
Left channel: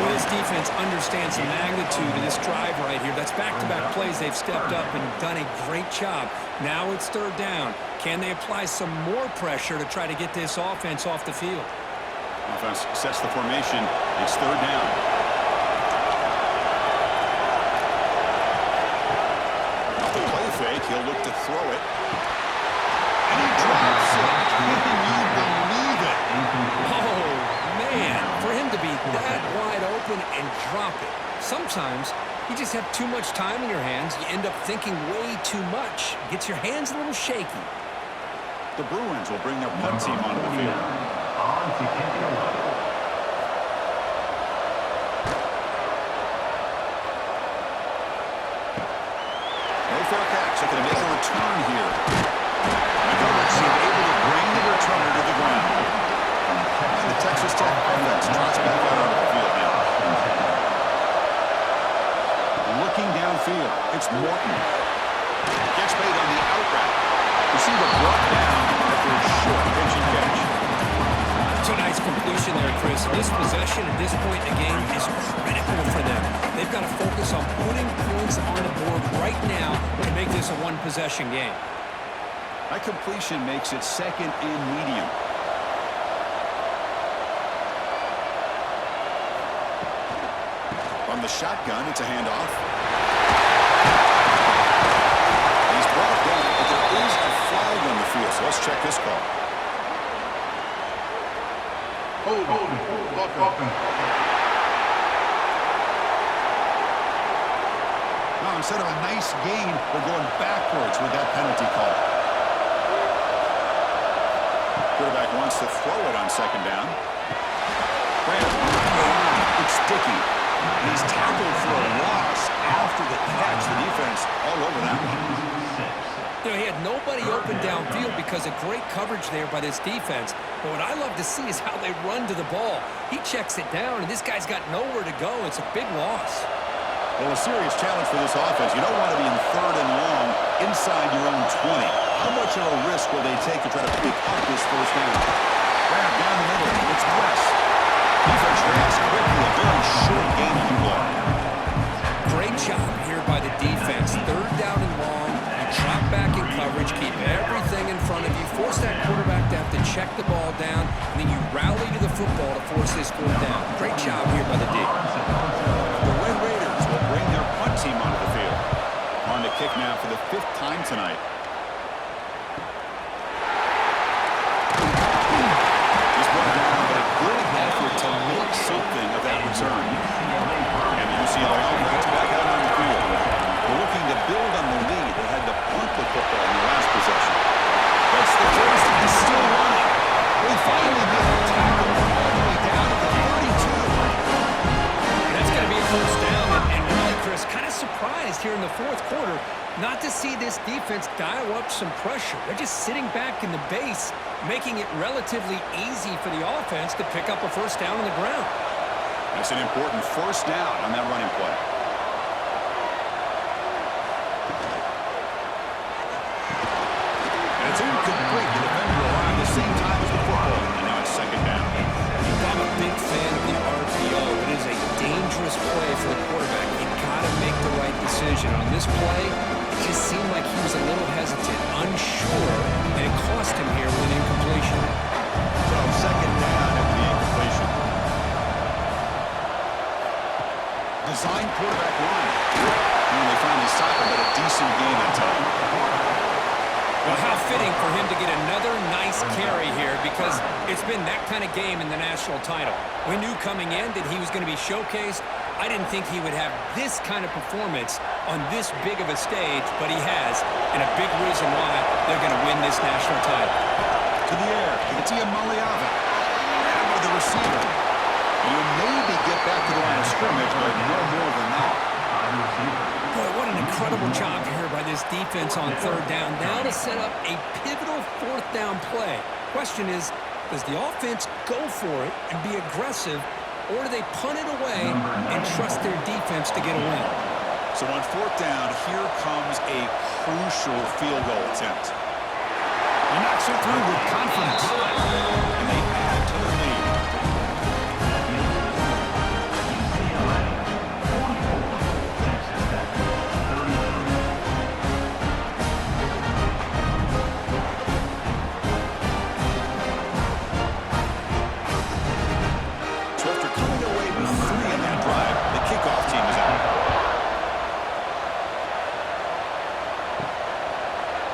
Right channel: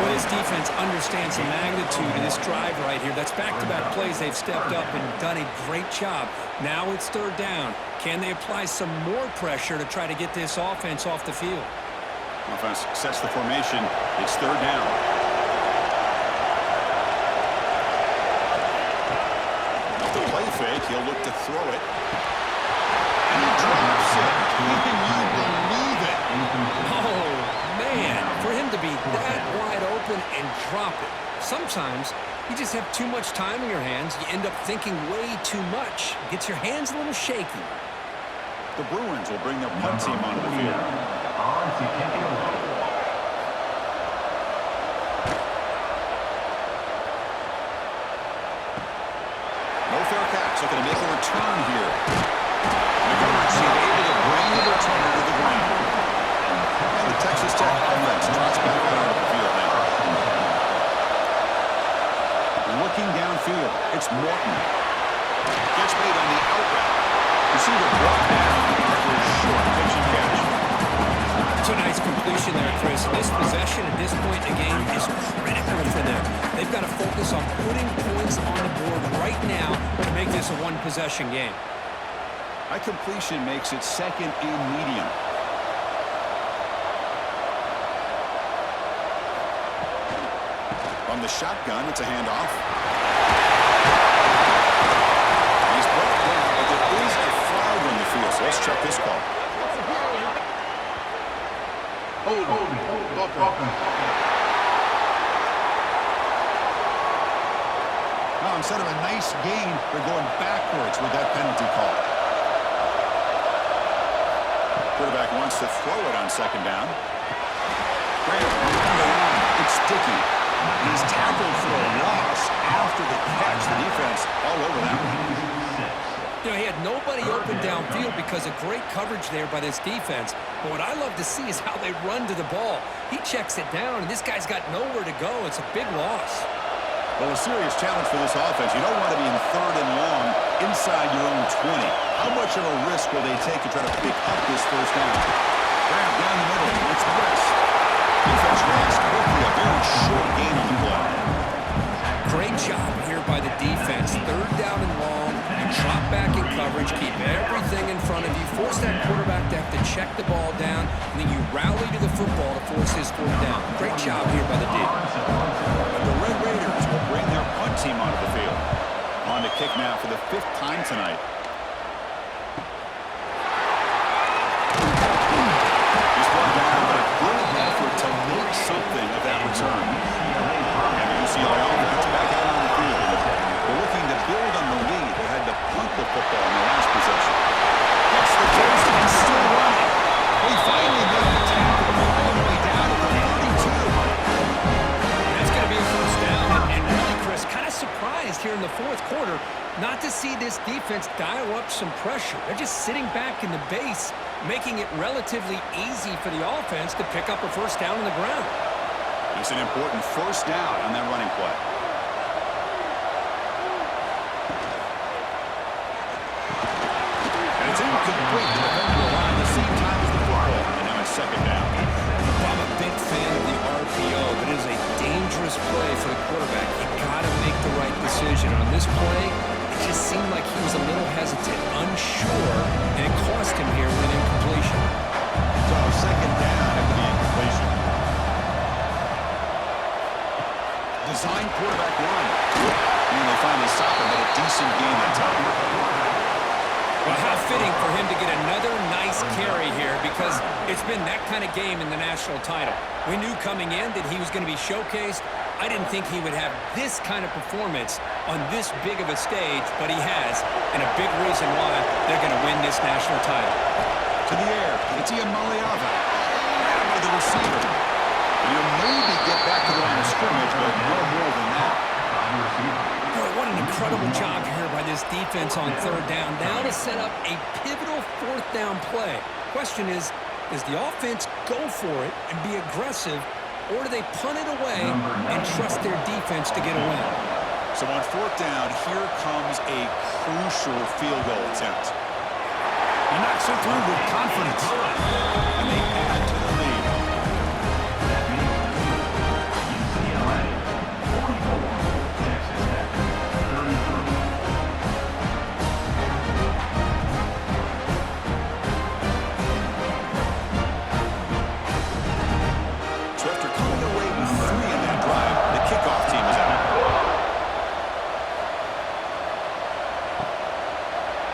Well, this defense understands the magnitude of this drive right here. That's back-to-back plays. They've stepped up and done a great job. Now it's third down. Can they apply some more pressure to try to get this offense off the field? Offense sets the formation. It's third down. Off the play fake, he'll look to throw it. And he drops it. Can you believe it? Oh, man, for him to be that wide open and drop it. Sometimes you just have too much time in your hands. You end up thinking way too much. Gets your hands a little shaky. The Bruins will bring their punt team onto the field. On to kick it away. No fair catch. They're going to make a return here. McGovern seemed able to bring the returner to the ground. And the Texas Tech offense trots back out onto the field now. Looking downfield, it's Morton. Gets made on the out route. Receiver brought down after a short pitch and catch. It's a nice completion there, Chris. This possession at this point in the game is critical for them. They've got to focus on putting points on the board right now to make this a one-possession game. That completion makes it second and medium. From the shotgun, it's a handoff. He's brought down, but there is a flag on the field, so let's check this call. Holding. Now, instead of a nice gain, they're going backwards with that penalty call. Quarterback wants to throw it on second down. Grant behind the line. It's Dickey. He's tackled for a loss after the catch. The defense all over that one. You know, he had nobody open downfield because of great coverage there by this defense. But what I love to see is how they run to the ball. He checks it down, and this guy's got nowhere to go. It's a big loss. Well, a serious challenge for this offense. You don't want to be in third and long inside your own 20. How much of a risk will they take to try to pick up this first down? Grab down the middle. It's West. Defense reacts quickly. A very short gain on the play. Great job here by the defense. Third down and long. You drop back in coverage, keep everything in front of you, force that quarterback to have to check the ball down, and then you rally to the football to force this fourth down. Great job here by the D. The Red Raiders will bring their punt team onto the field. On to kick now for the 5th time tonight. He's brought down, but a good effort to make something of that return. And the UCLA offense back out on the field. They're looking to build on the lead. They had to punt the football in the last possession. Gets the first and still running. They finally make the tackle all the way down to the 32. That's going to be a first down. And really, Chris, kind of surprised here in the fourth quarter not to see this defense dial up some pressure. They're just sitting back in the base, making it relatively easy for the offense to pick up a first down on the ground. It's an important first down on that running play. And it's incomplete. The defender arrived at the same time as the football. And now it's second down. I'm a big fan of the RPO, but it is a dangerous play for the quarterback. You got to make the right decision. On this play, you just seemed like he was a little hesitant, unsure, and it cost him here with an incompletion. So second down after the incompletion. Design quarterback line. And they finally stop him, but a decent gain that time. Well, how fitting for him to get another nice carry here, because it's been that kind of game in the national title. We knew coming in that he was going to be showcased. I didn't think he would have this kind of performance on this big of a stage, but he has, and a big reason why they're going to win this national title. To the air, it's Maliava. Grabbed by the receiver. And he'll maybe get back to the line of scrimmage, but no more than that. Boy, what an incredible job here by this defense on third down. Now to set up a pivotal fourth down play. Question is, does the offense go for it and be aggressive, or do they punt it away and trust their defense to get a win? So on fourth down, here comes a crucial field goal attempt. He knocks it through with confidence. And they add to the lead. That means UCLA 44, Texas Tech 33. So after coming away with 3 in that drive, the kickoff team is out.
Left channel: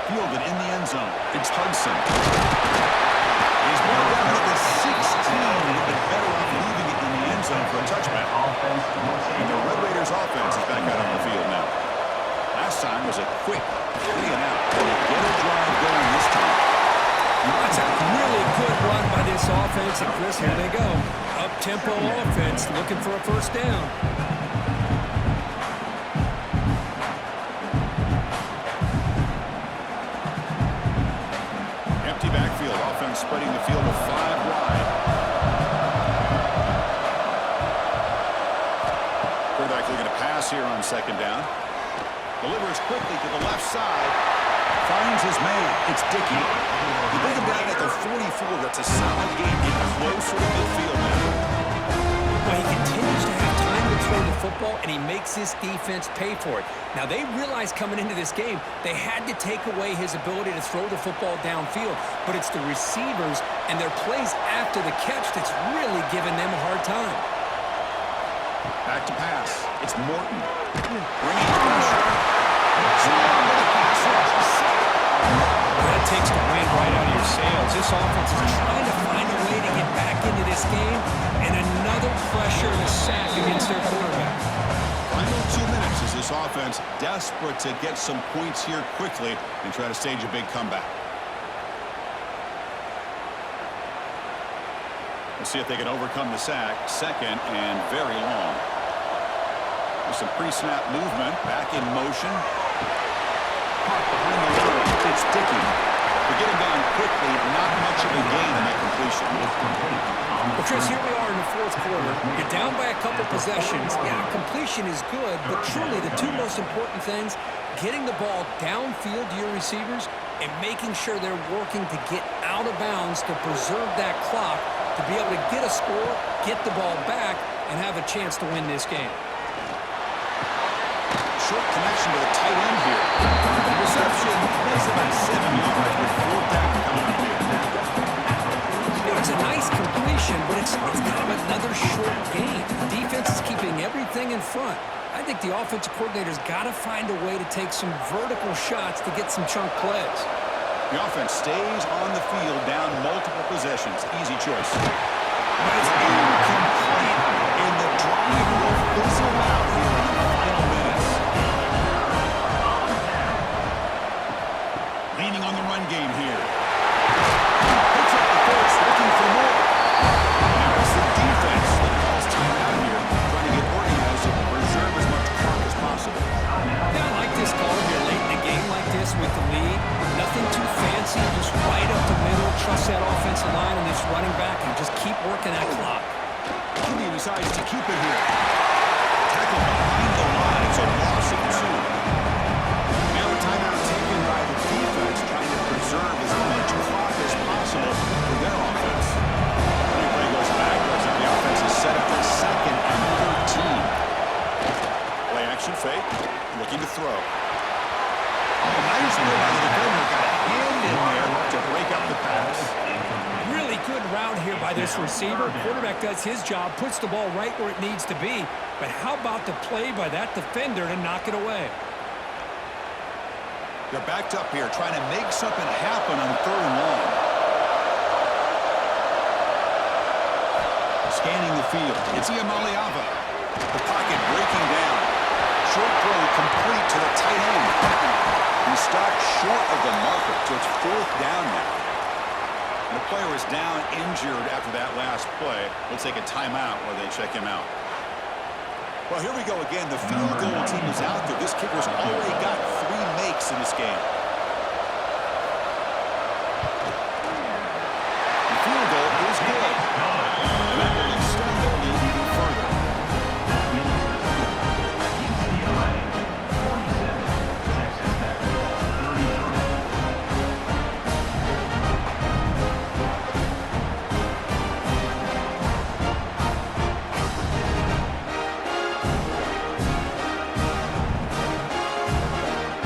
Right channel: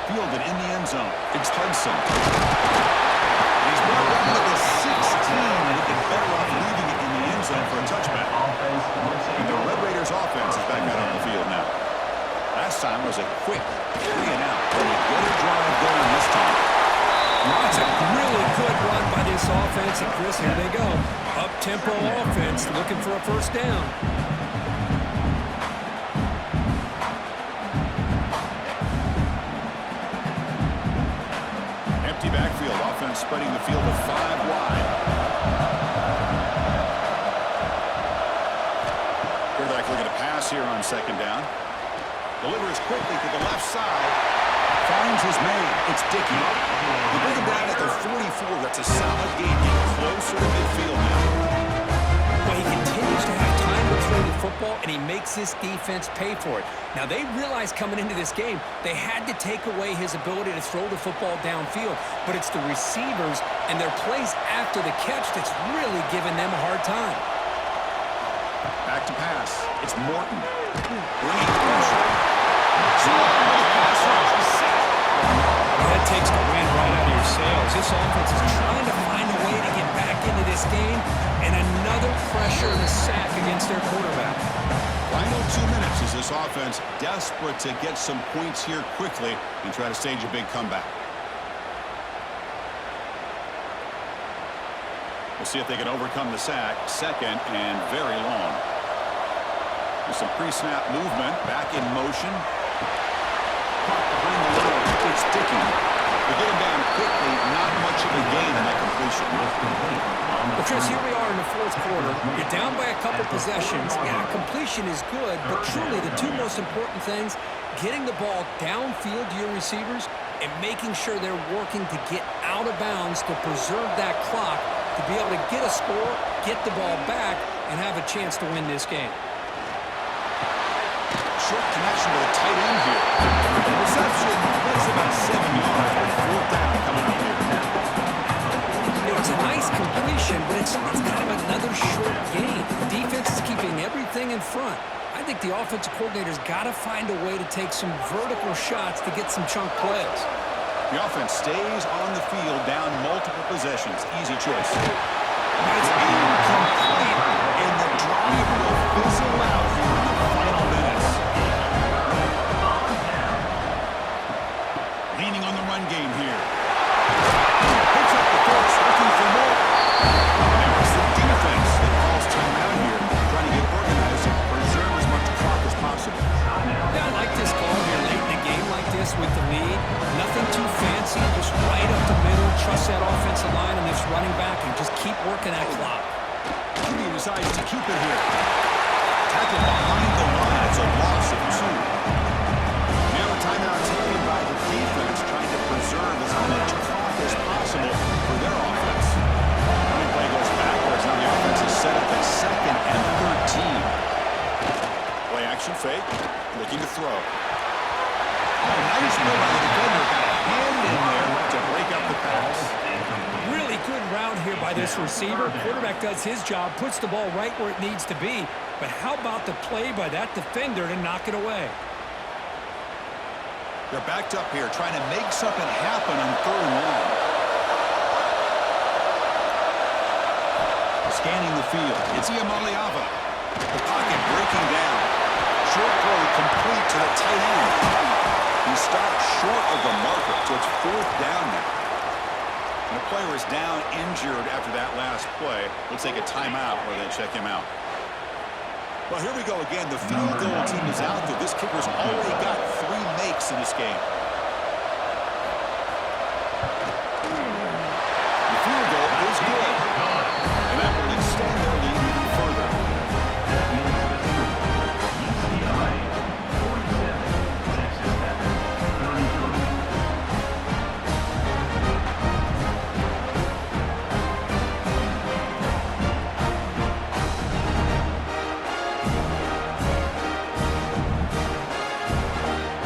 Fielded in the end zone. It's Hudson. He's brought down to the 16. Would be better off leaving it in the end zone for a touchback. And the Red Raiders offense is back out on the field now. Last time was a quick 3 and out. Can he get a drive going this time? That's a really good run by this offense. And Chris, here they go. Up-tempo offense looking for a first down. Empty backfield. Offense spreading the field with 5 wide. Quarterback looking to pass here on second down. Delivers quickly to the left side. Finds his man. It's Dickey. They bring him down at the 44. That's a solid gain. Getting closer to midfield now. Well, he continues to have time to throw the football, and he makes this defense pay for it. Now, they realized coming into this game they had to take away his ability to throw the football downfield, but it's the receivers and their plays after the catch that's really giving them a hard time. Back to pass. It's Morton. Bringing pressure. Slam with a pass rush. He's sacked. That takes the wind right out of your sails. This offense is trying to find a way to get back into this game, and another pressure and a sack against their quarterback. Final 2 minutes as this offense desperate to get some points here quickly and try to stage a big comeback. We'll see if they can overcome the sack. Second and very long. There's some pre-snap movement. Back in motion. Caught behind the line. It's Dickey. They get him down quickly. Not much of a gain in that completion. Well, Chris, here we are in the fourth quarter. You're down by a couple possessions. Yeah, completion is good, but truly the 2 most important things, getting the ball downfield to your receivers and making sure they're working to get out of bounds to preserve that clock to be able to get a score, get the ball back, and have a chance to win this game. Short connection to the tight end here. The reception, that's about 7 yards, but fourth down coming up here. You know, it's a nice completion, but it's kind of another short game. The defense is keeping everything in front. I think the offensive coordinator's got to find a way to take some vertical shots to get some chunk plays. The offense stays on the field, down multiple possessions. Easy choice. But it's incomplete, and the drive will fizzle out here in the final minutes. Leaning on the run game here. Picks up the force, looking for more. And now it's the defense that calls timeout here, trying to get organized and preserve as much clock as possible. Yeah, I like this call here late in the game like this with the lead. Nothing too fancy, just right up the middle. Trust that offensive line and this running back and just keep working that clock. He decides to keep it here. Tackle behind the line. It's a loss of 2. Now a timeout taken by the defense, trying to preserve as much clock as possible for their offense. Running play goes backwards. Now the offense is set up at 2nd and 13. Play action fake. Looking to throw. Nice play by the defender. Got a hand in there to break up the pass. Really good route here by this receiver. Quarterback does his job, puts the ball right where it needs to be. But how about the play by that defender to knock it away? They're backed up here, trying to make something happen on 3rd and long. Scanning the field. It's Iamaleava. The pocket breaking down. Short throw complete to the tight end. He stopped short of the marker, so it's 4th down now. And a player is down injured after that last play. We'll take a timeout where they check him out. Well, here we go again. The field goal team is out there. This kicker's already got 3 makes in this game. The field goal is good. And that will extend their lead even further. That means UCLA 47, Texas Tech 33.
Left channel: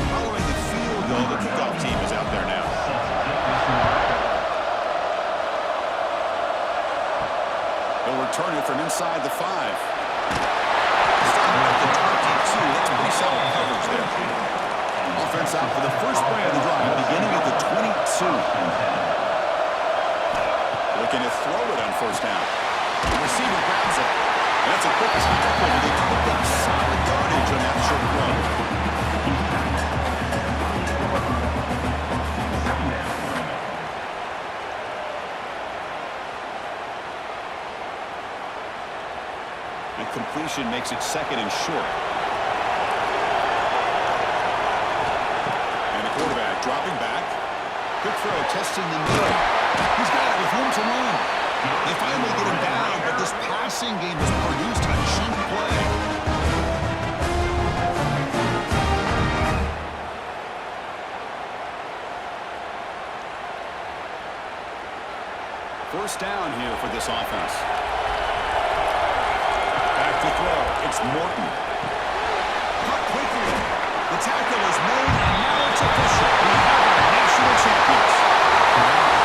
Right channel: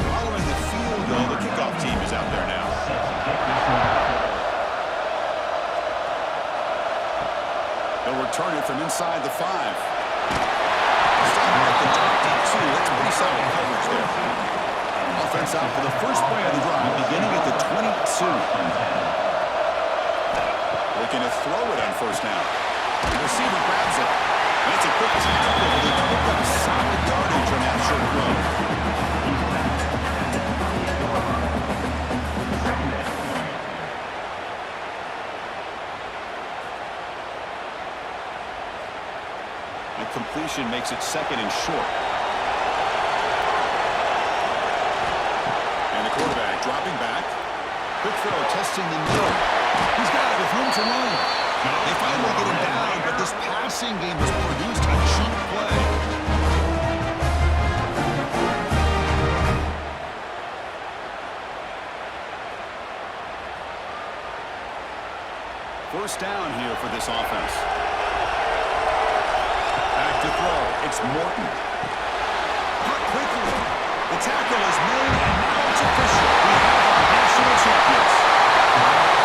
Following the field goal, the kickoff team is out there now. They'll return it from inside the 5. Stop at the 22. That's pretty solid coverage there. Offense out for the first play of the drive, beginning at the 22. Looking to throw it on 1st down. The receiver grabs it. And that's a quick tackle, but they picked up solid yardage on that short throw. Second down coming up. And completion makes it 2nd and short. And the quarterback dropping back. Quick throw, testing the middle. He's got it with room to run. They finally get him down, but this passing game has produced a chunk play. First down here for this offense. Back to throw. It's Morton. Cut quickly. The tackle is made, and now it's official. We have our national champions.